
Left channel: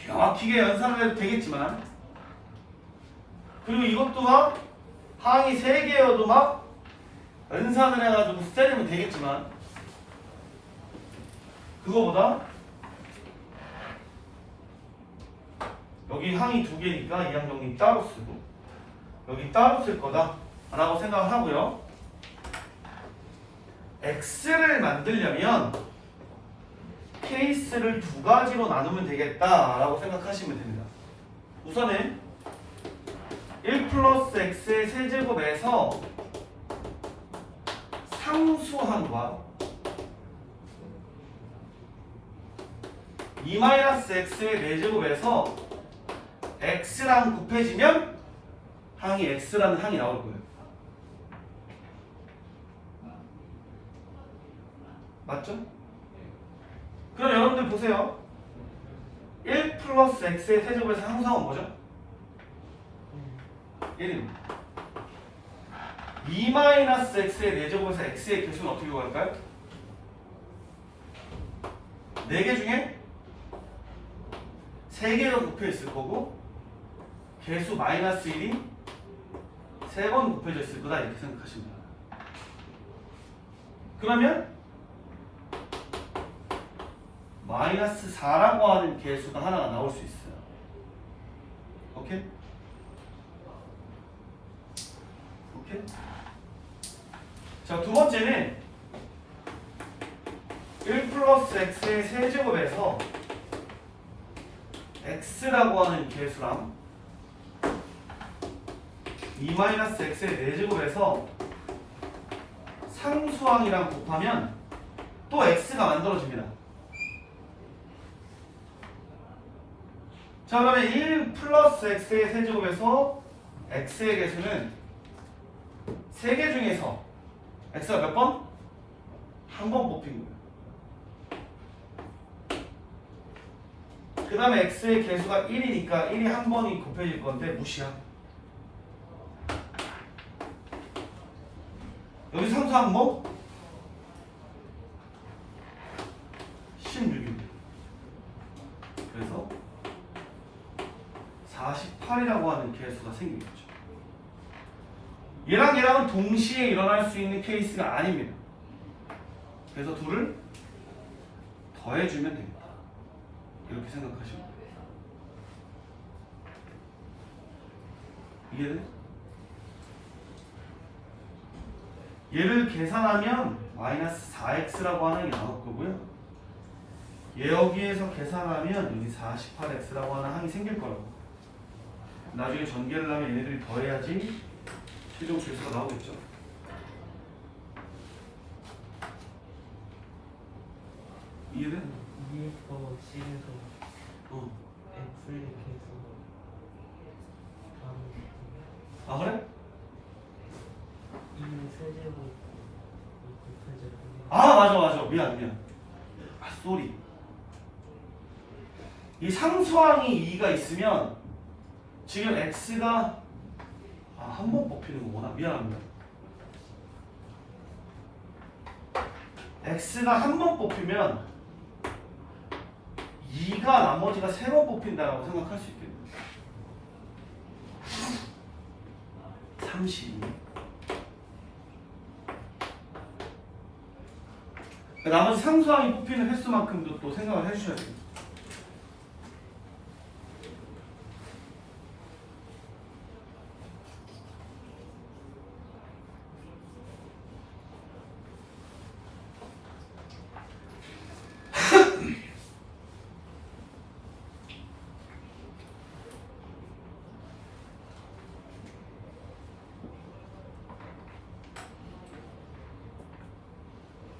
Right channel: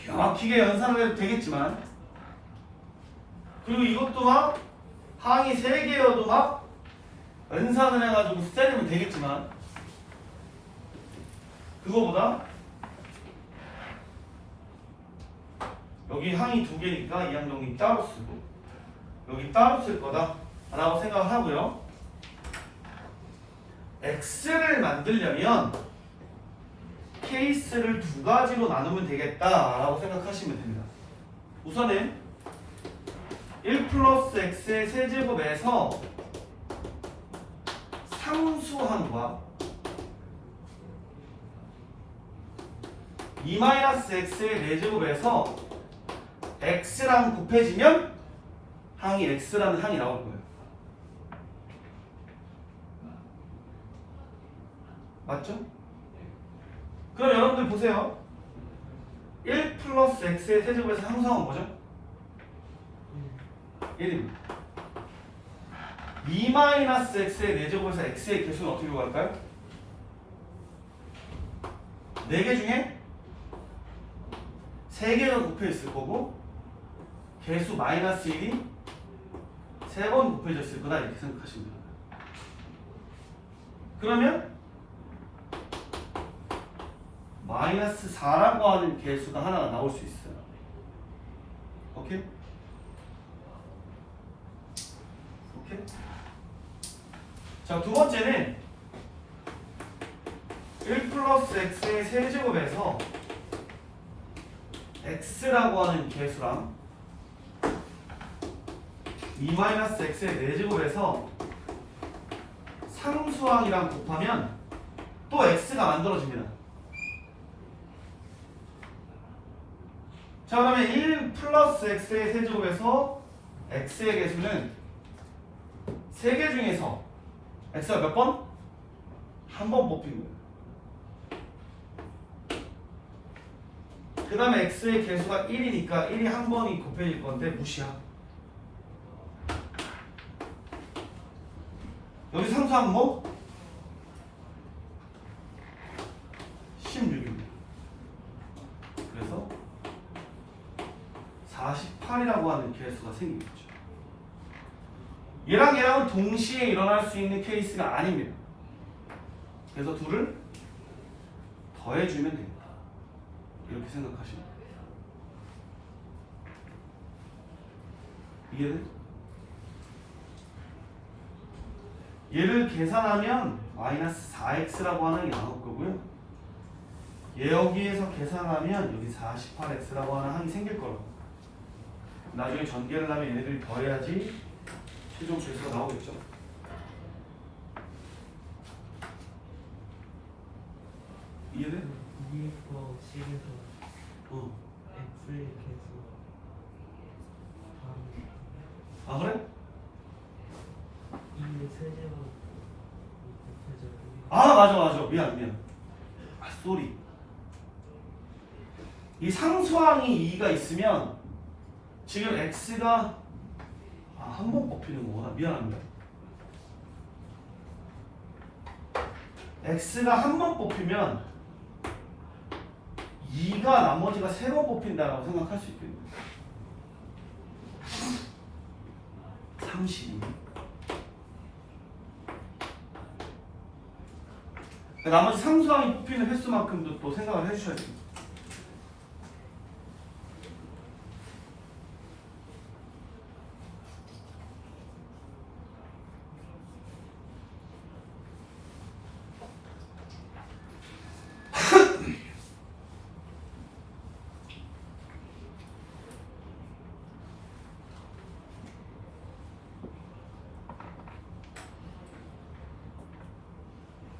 기가 막히게 연산을 해도 되겠지만 그리고 이것도 막 항이 3개여도 막 연산을 해가지고 때리면 되겠지만 그거보다 여기 항이 2개니까 이항 정리 따로 쓰고 여기 따로 쓸 거다 라고 생각을 하고요. x를 만들려면 케이스를 2가지로 나누면 되겠다 라고 생각하시면 됩니다. 우선은 1 플러스 x의 세제곱에서 상수항과 2 마이너스 x의 4제곱에서 x랑 곱해지면 항이 x라는 항이 나올 거예요. 맞죠? 그럼 여러분들 보세요. 1 플러스 x의 세제곱에서 상수항은 뭐죠? 1입니다. 2 마이너스 x의 4제곱에서 x의 개수는 어떻게 구할까요? 4개 중에 3개가 곱해 있을 거고 개수 마이너스 1이 3번 곱해져 있을 거다 이렇게 생각하시면 됩니다. 그러면 마이너스 4라고 하는 개수가 하나가 나올 수 있어요. 오케이? 오케이? 자, 두 번째는 1 플러스 x의 세제곱에서 x라고 하는 개수랑 2 마이너스 x의 4제곱에서 상수항이랑 곱하면 또 x가 만들어집니다. 자, 그러면 1 플러스 x의 세제곱에서 x의 개수는 3개 중에서 x가 몇 번? 한 번 뽑힌 거예요. 그 다음에 x의 개수가 1이니까 1이 한 번이 곱해질 건데 무시야. 여기 상수항 뭐? 16입니다. 그래서 48이라고 하는 개수가 생긴 거죠. 얘랑 얘랑은 동시에 일어날 수 있는 케이스가 아닙니다. 그래서 둘을 더해주면 됩니다. 이렇게 생각하시면 돼요. 이해는? 얘를 계산하면 마이너스 4x라고 하는 게 나올 거고요. 얘 여기에서 계산하면 여기 48x라고 하는 항이 생길 거라고. 나중에 전개를 하면 얘네들이 더해야지 최종 계수가 나오겠죠. 이해돼? 2거 식에서 x의 개수 아 그래? 2의 세제곱 곱해져. 아 맞아 미안 아 쏘리. 이 상수항이 2가 있으면 지금 x가 한 번 뽑히는 거구나. 미안합니다. x가 한 번 뽑히면 2가 나머지가 3번 뽑힌다라고 생각할 수 있겠네요. 30. 나머지 상수항이 뽑히는 횟수만큼도 또 생각을 해주셔야 됩니다.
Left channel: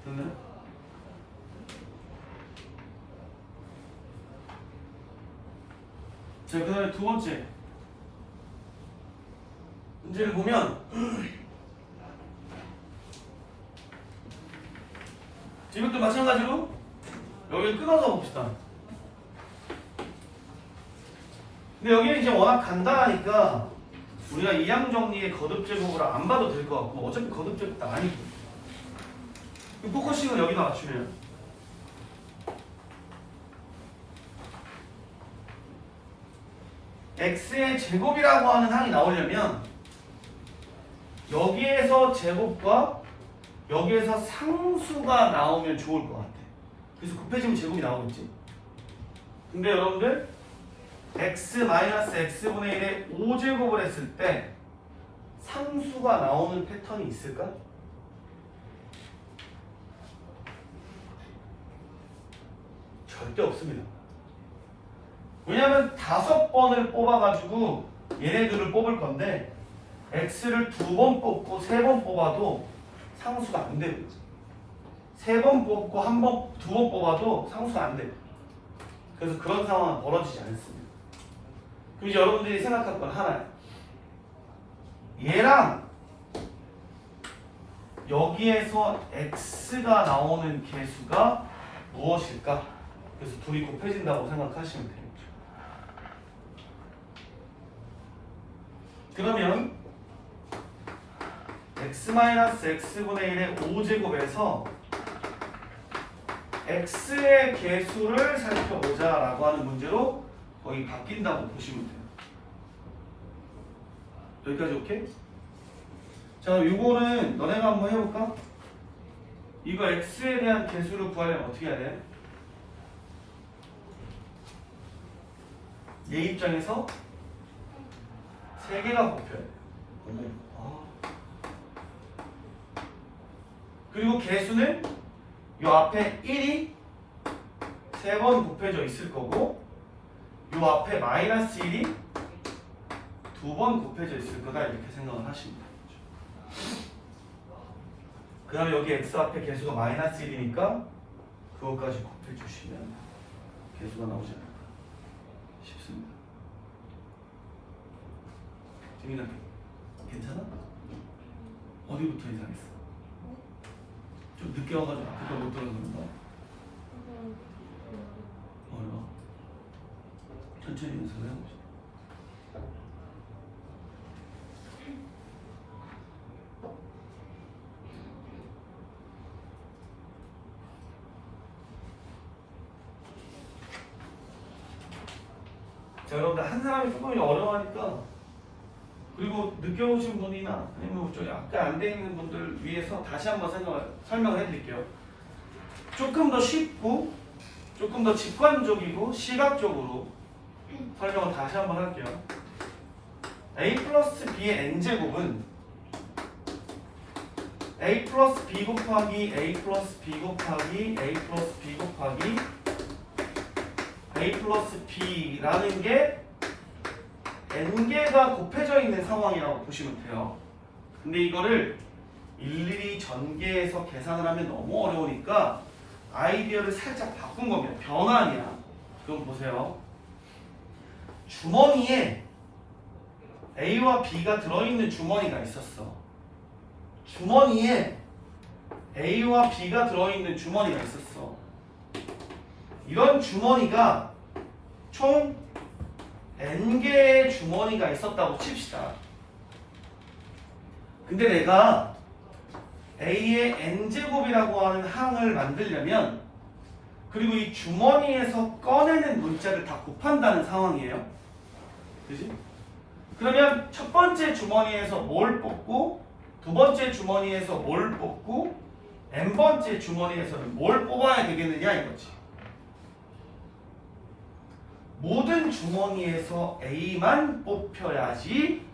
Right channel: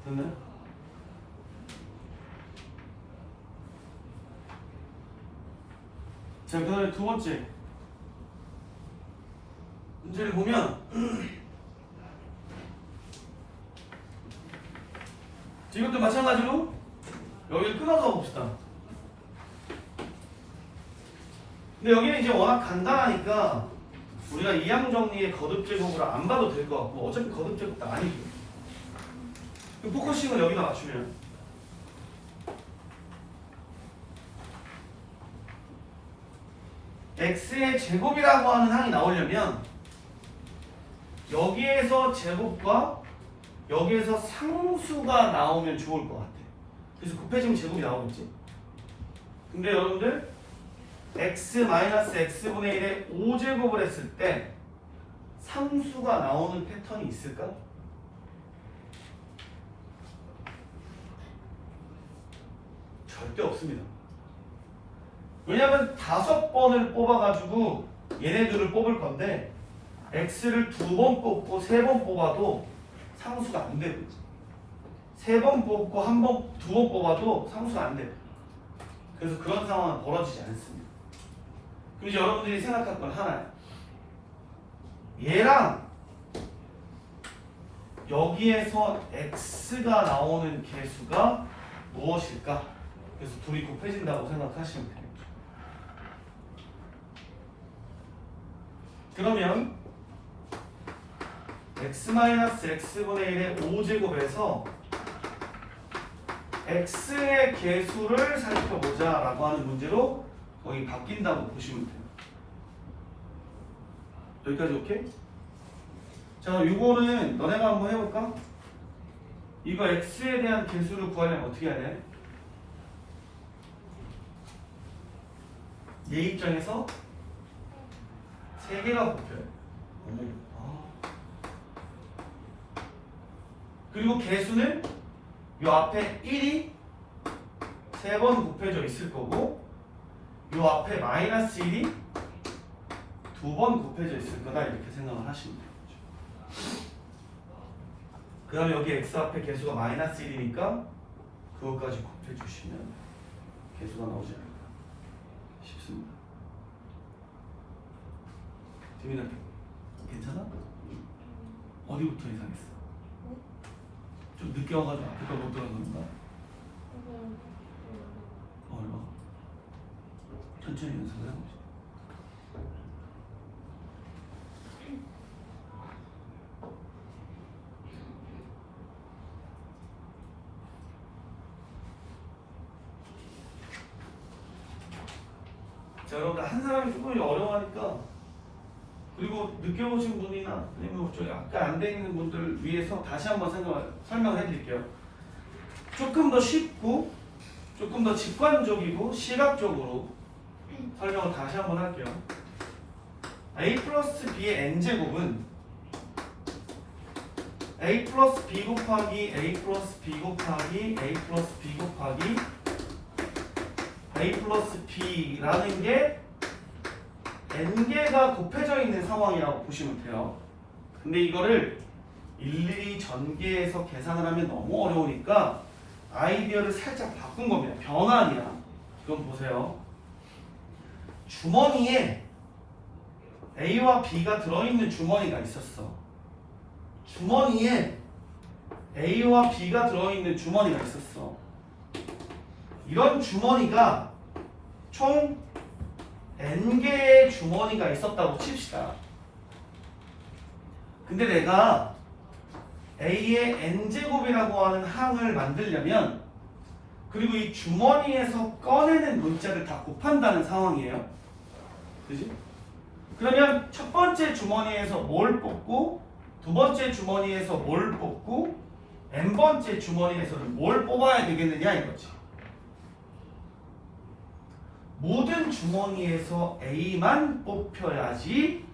됐나요? 자, 그 다음에 두 번째 문제를 보면 이것도 마찬가지로 여기를 끊어서 봅시다. 근데 여기는 이제 워낙 간단하니까 우리가 이항 정리의 거듭 제곱을 안 봐도 될 것 같고 어차피 거듭 제곱 다 아니고 포커싱을 여기다 맞추면 x의 제곱이라고 하는 항이 나오려면 여기에서 제곱과 여기에서 상수가 나오면 좋을 것 같아. 그래서 곱해지면 제곱이 나오겠지. 근데 여러분들 x-x분의 1의 5제곱을 했을 때 상수가 나오는 패턴이 있을까? 절대 없습니다. 왜냐면 5번을 뽑아가지고 얘네들을 뽑을 건데 x를 2번 뽑고 3번 뽑아도 상수가 안 되고 3번 뽑고 2번 뽑아도 상수가 안 돼요. 그래서 그런 상황은 벌어지지 않습니다. 그럼 이제 여러분들이 생각할 건 하나야. 얘랑 여기에서 x가 나오는 개수가 무엇일까? 그래서 둘이 곱해진다고 생각하시면 됩니다. 그러면 x-x분의 1의 5제곱에서 x의 개수를 살펴보자 라고 하는 문제로 거의 바뀐다고 보시면 돼요. 여기까지 오케이? 자, 요거는 너네가 한번 해볼까? 이거 x에 대한 개수를 구하려면 어떻게 해야 돼? 얘 입장에서 3개가 뽑혀요. 그리고 개수는 요 앞에 1이 3번 곱해져 있을 거고 요 앞에 마이너스 1이 2번 곱해져 있을 거다 이렇게 생각을 하시면 돼요. 그 다음에 여기 x 앞에 개수가 마이너스 1이니까 그것까지 곱해주시면 개수가 나오지 않을까 싶습니다. 지민아 괜찮아? 어디부터 이상했어? 좀 늦게 와가지고 앞에 걸 못 들은 건가? 어려워. 천천히 연습을 해봅시다. 자, 여러분들 한 사람이 조금 어려워하니까 그리고 늦게 오신 분이나 아니면 좀 약간 안 돼 있는 분들을 위해서 다시 한번 설명을 해드릴게요. 조금 더 쉽고 조금 더 직관적이고 시각적으로 설명을 다시 한번 할게요. a 플러스 b의 n제곱은 a 플러스 b 곱하기 a 플러스 b 곱하기 a 플러스 b 곱하기 a 플러스 b라는 게 n개가 곱해져 있는 상황이라고 보시면 돼요. 근데 이거를 일일이 전개해서 계산을 하면 너무 어려우니까 아이디어를 살짝 바꾼 겁니다. 변환이야. 그럼 보세요. 주머니에 A와 B가 들어있는 주머니가 있었어. 주머니에 A와 B가 들어있는 주머니가 있었어. 이런 주머니가 총 n개의 주머니가 있었다고 칩시다. 근데 내가 A의 n제곱이라고 하는 항을 만들려면 그리고 이 주머니에서 꺼내는 문자를 다 곱한다는 상황이에요. 그지? 그러면 첫 번째 주머니에서 뭘 뽑고 두 번째 주머니에서 뭘 뽑고 n번째 주머니에서는 뭘 뽑아야 되겠느냐 이거지. 모든 주머니에서 A만 뽑혀야지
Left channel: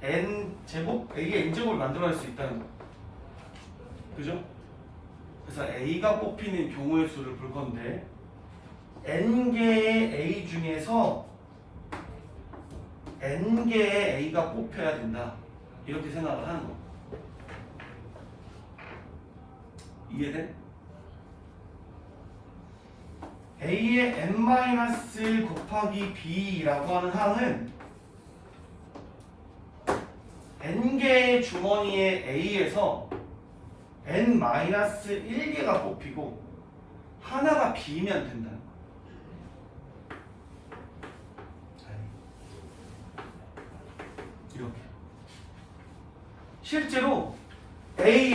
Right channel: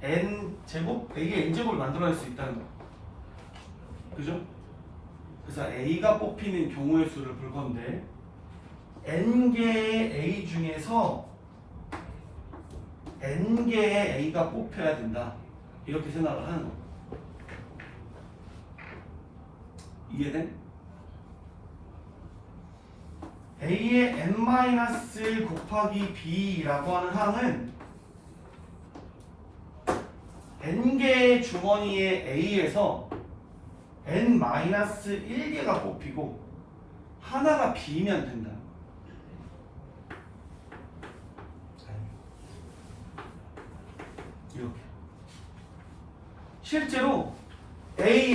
n제곱, A의 n제곱을 만들어낼 수 있다는 거야. 그죠? 그래서 A가 뽑히는 경우의 수를 볼 건데 n개의 A 중에서 n개의 A가 뽑혀야 된다. 이렇게 생각을 하는 거. 이해돼? A의 n-1 곱하기 B라고 하는 항은 n개의 주머니의 A에서 n-1개가 뽑히고 하나가 B면 된다는 거야. 이렇게 실제로 A,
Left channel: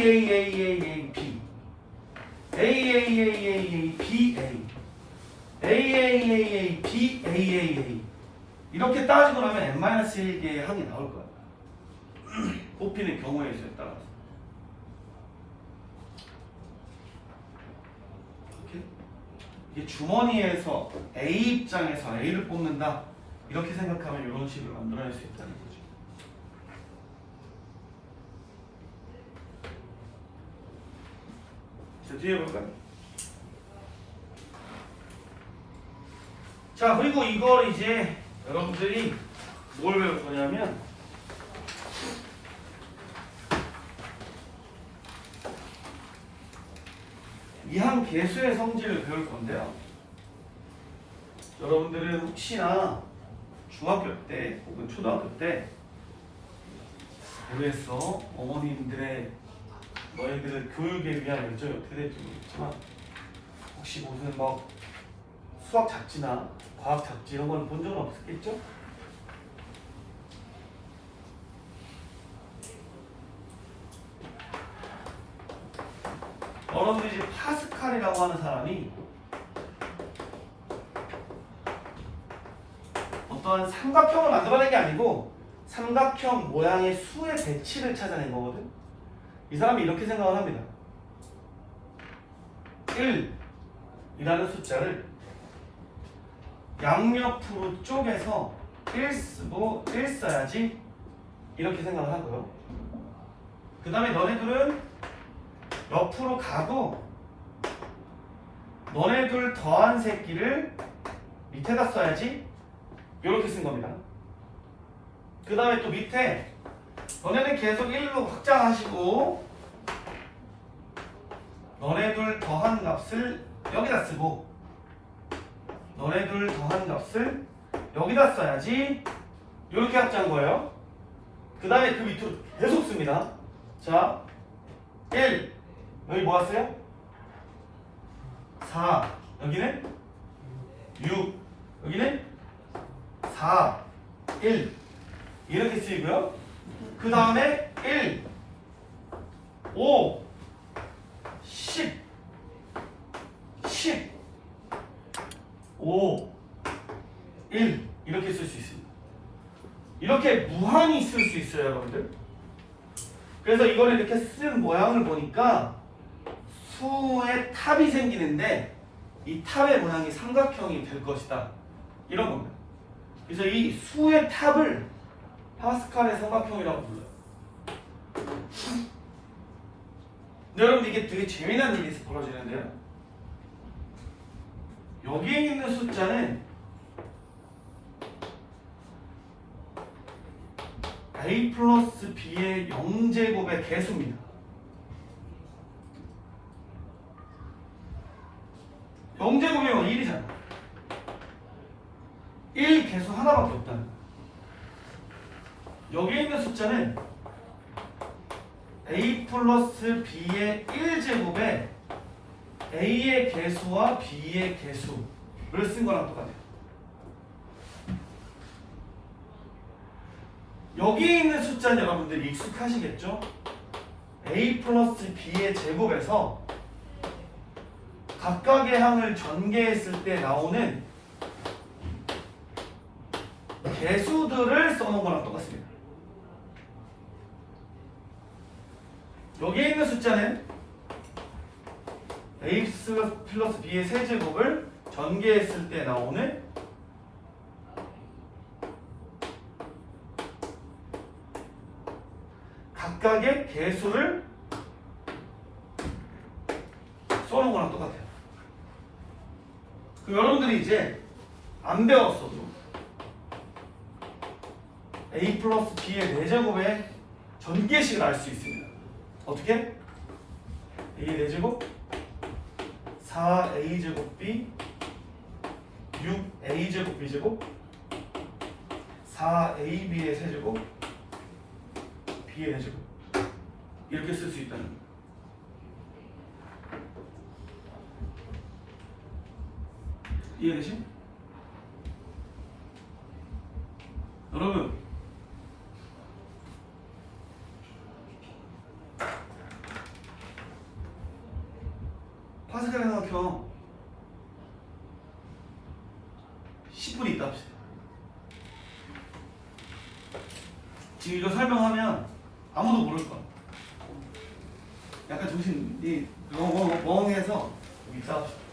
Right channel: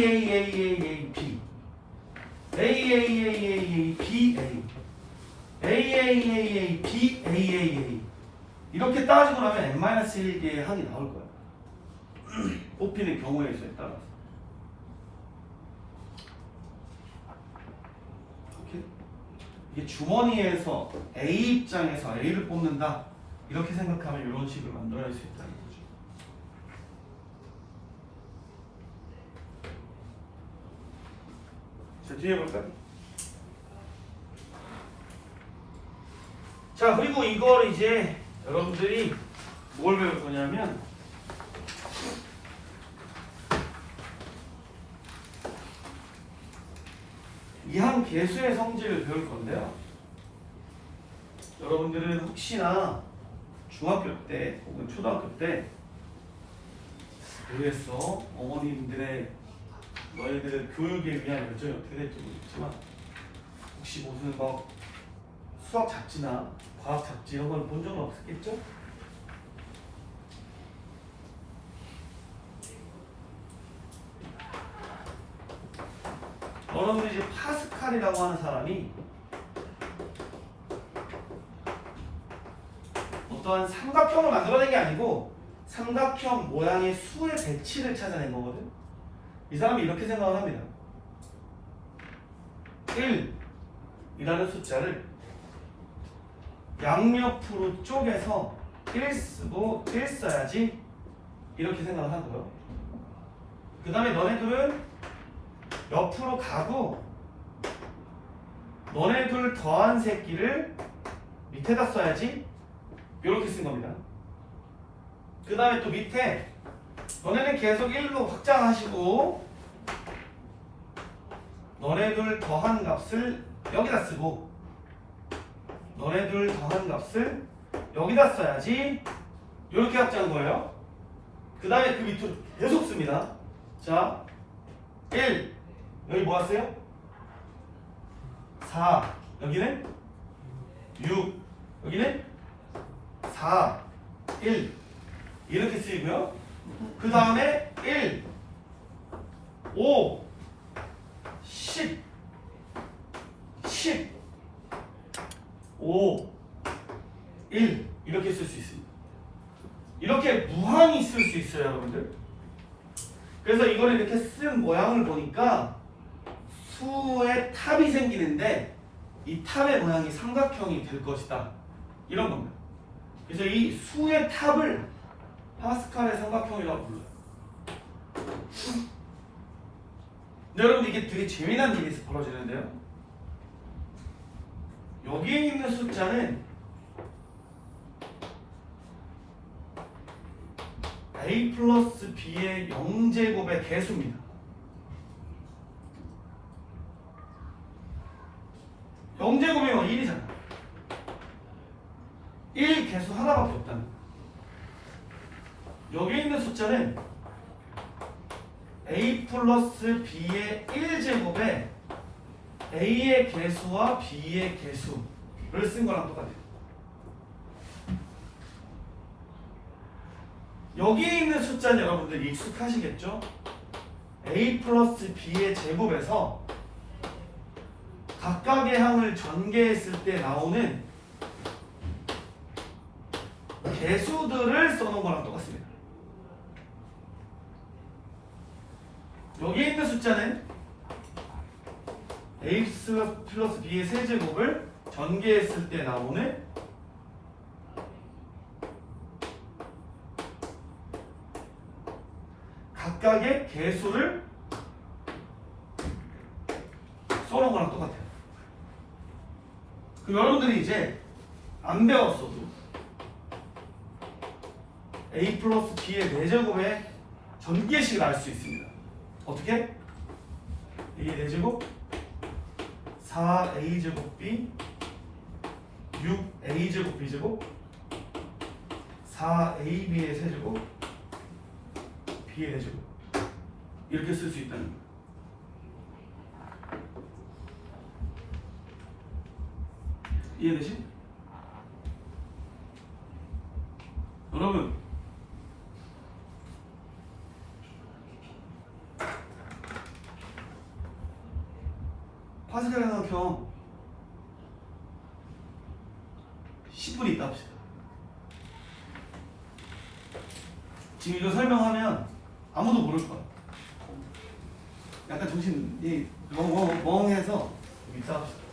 B A, B, A, B, 이렇게 따지고 나면 n-1개의 항이 나올 거야. 뽑히는 경우의 수에 따라서. 오케이? 이게 주머니에서 A 입장에서 A를 뽑는다. 이렇게 생각하면 이런 식으로 만들어낼 수 있다는 거죠. 자, 뒤에 볼까요? 자, 그리고 이걸 이제 여러분들이 뭘 배울 거냐면 이 한 개수의 성질을 배울 건데요. 여러분들은 혹시나 중학교 때 혹은 초등학교 때 모르겠어. 어머님들의 너희들의 교육에 대한 열정이 어떻게 될지 모르겠지만 혹시 무슨 뭐 수학 잡지나 과학 잡지 이런 걸 본 적은 없겠죠? 여러분들이 이제 파스칼이라고 하는 사람이 어떠한 삼각형을 만들어낸 게 아니고 삼각형 모양의 수의 배치를 찾아낸 거거든. 이 사람이 이렇게 생각을 합니다. 1이라는 숫자를 양옆으로 쪼개서 1 쓰고 1 써야지 이렇게 생각을 하고요. 그 다음에 너네들은 옆으로 가고 너네 둘 더한 새끼를 밑에다 써야지. 이렇게 쓴 겁니다. 그 다음에 또 밑에 너네는 계속 1로 확장하시고 너네 둘 더한 값을 여기다 쓰고 너네 둘 더한 값을 여기다 써야지. 이렇게 확장한 거예요. 그 다음에 그 밑으로 계속 씁니다. 자, 1 여기 뭐 왔어요? 4 여기는 6 여기는 4 1 이렇게 쓰이고요. 그 다음에 1 5 10 10 5 1 이렇게 쓸 수 있습니다. 이렇게 무한히 쓸 수 있어요, 여러분들. 그래서 이걸 이렇게 쓴 모양을 보니까 수의 탑이 생기는데 이 탑의 모양이 삼각형이 될 것이다. 이런 겁니다. 그래서 이 수의 탑을 파스칼의 삼각형이라고 불러요. 근데 여러분 이게 되게 재미난 일이 벌어지는데요. 여기에 있는 숫자는 a 플러스 b의 0제곱의 개수입니다. 0제곱이면 1이잖아. 1 개수 하나밖에 없다는 거야. 여기에 있는 숫자는 a 플러스 b의 1제곱에 a의 개수와 b의 개수를 쓴 거랑 똑같아요. 여기에 있는 숫자는 여러분들 익숙하시겠죠? a 플러스 b의 제곱에서 각각의 항을 전개했을 때 나오는 개수들을 써놓은 거랑 똑같습니다. 여기에 있는 숫자는 a 플러스 b의 세제곱을 전개했을 때 나오는 각각의 개수를 써놓은 거랑 똑같아요. 그럼 여러분들이 이제 안 배웠어도 a 플러스 b의 4제곱의 전개식을 알 수 있습니다. 어떻게? a의 4제곱 4a제곱 b 6a제곱 b제곱 4ab의 세제곱 b의 4제곱 이렇게 쓸 수 있다는 거예요. 이해되시? 여러분 파스칼의 삼각형 10분이 있다 합시다. 지금 이거 설명하면 아무도 모를 거야. 약간 정신이 멍해서 있다 합시다.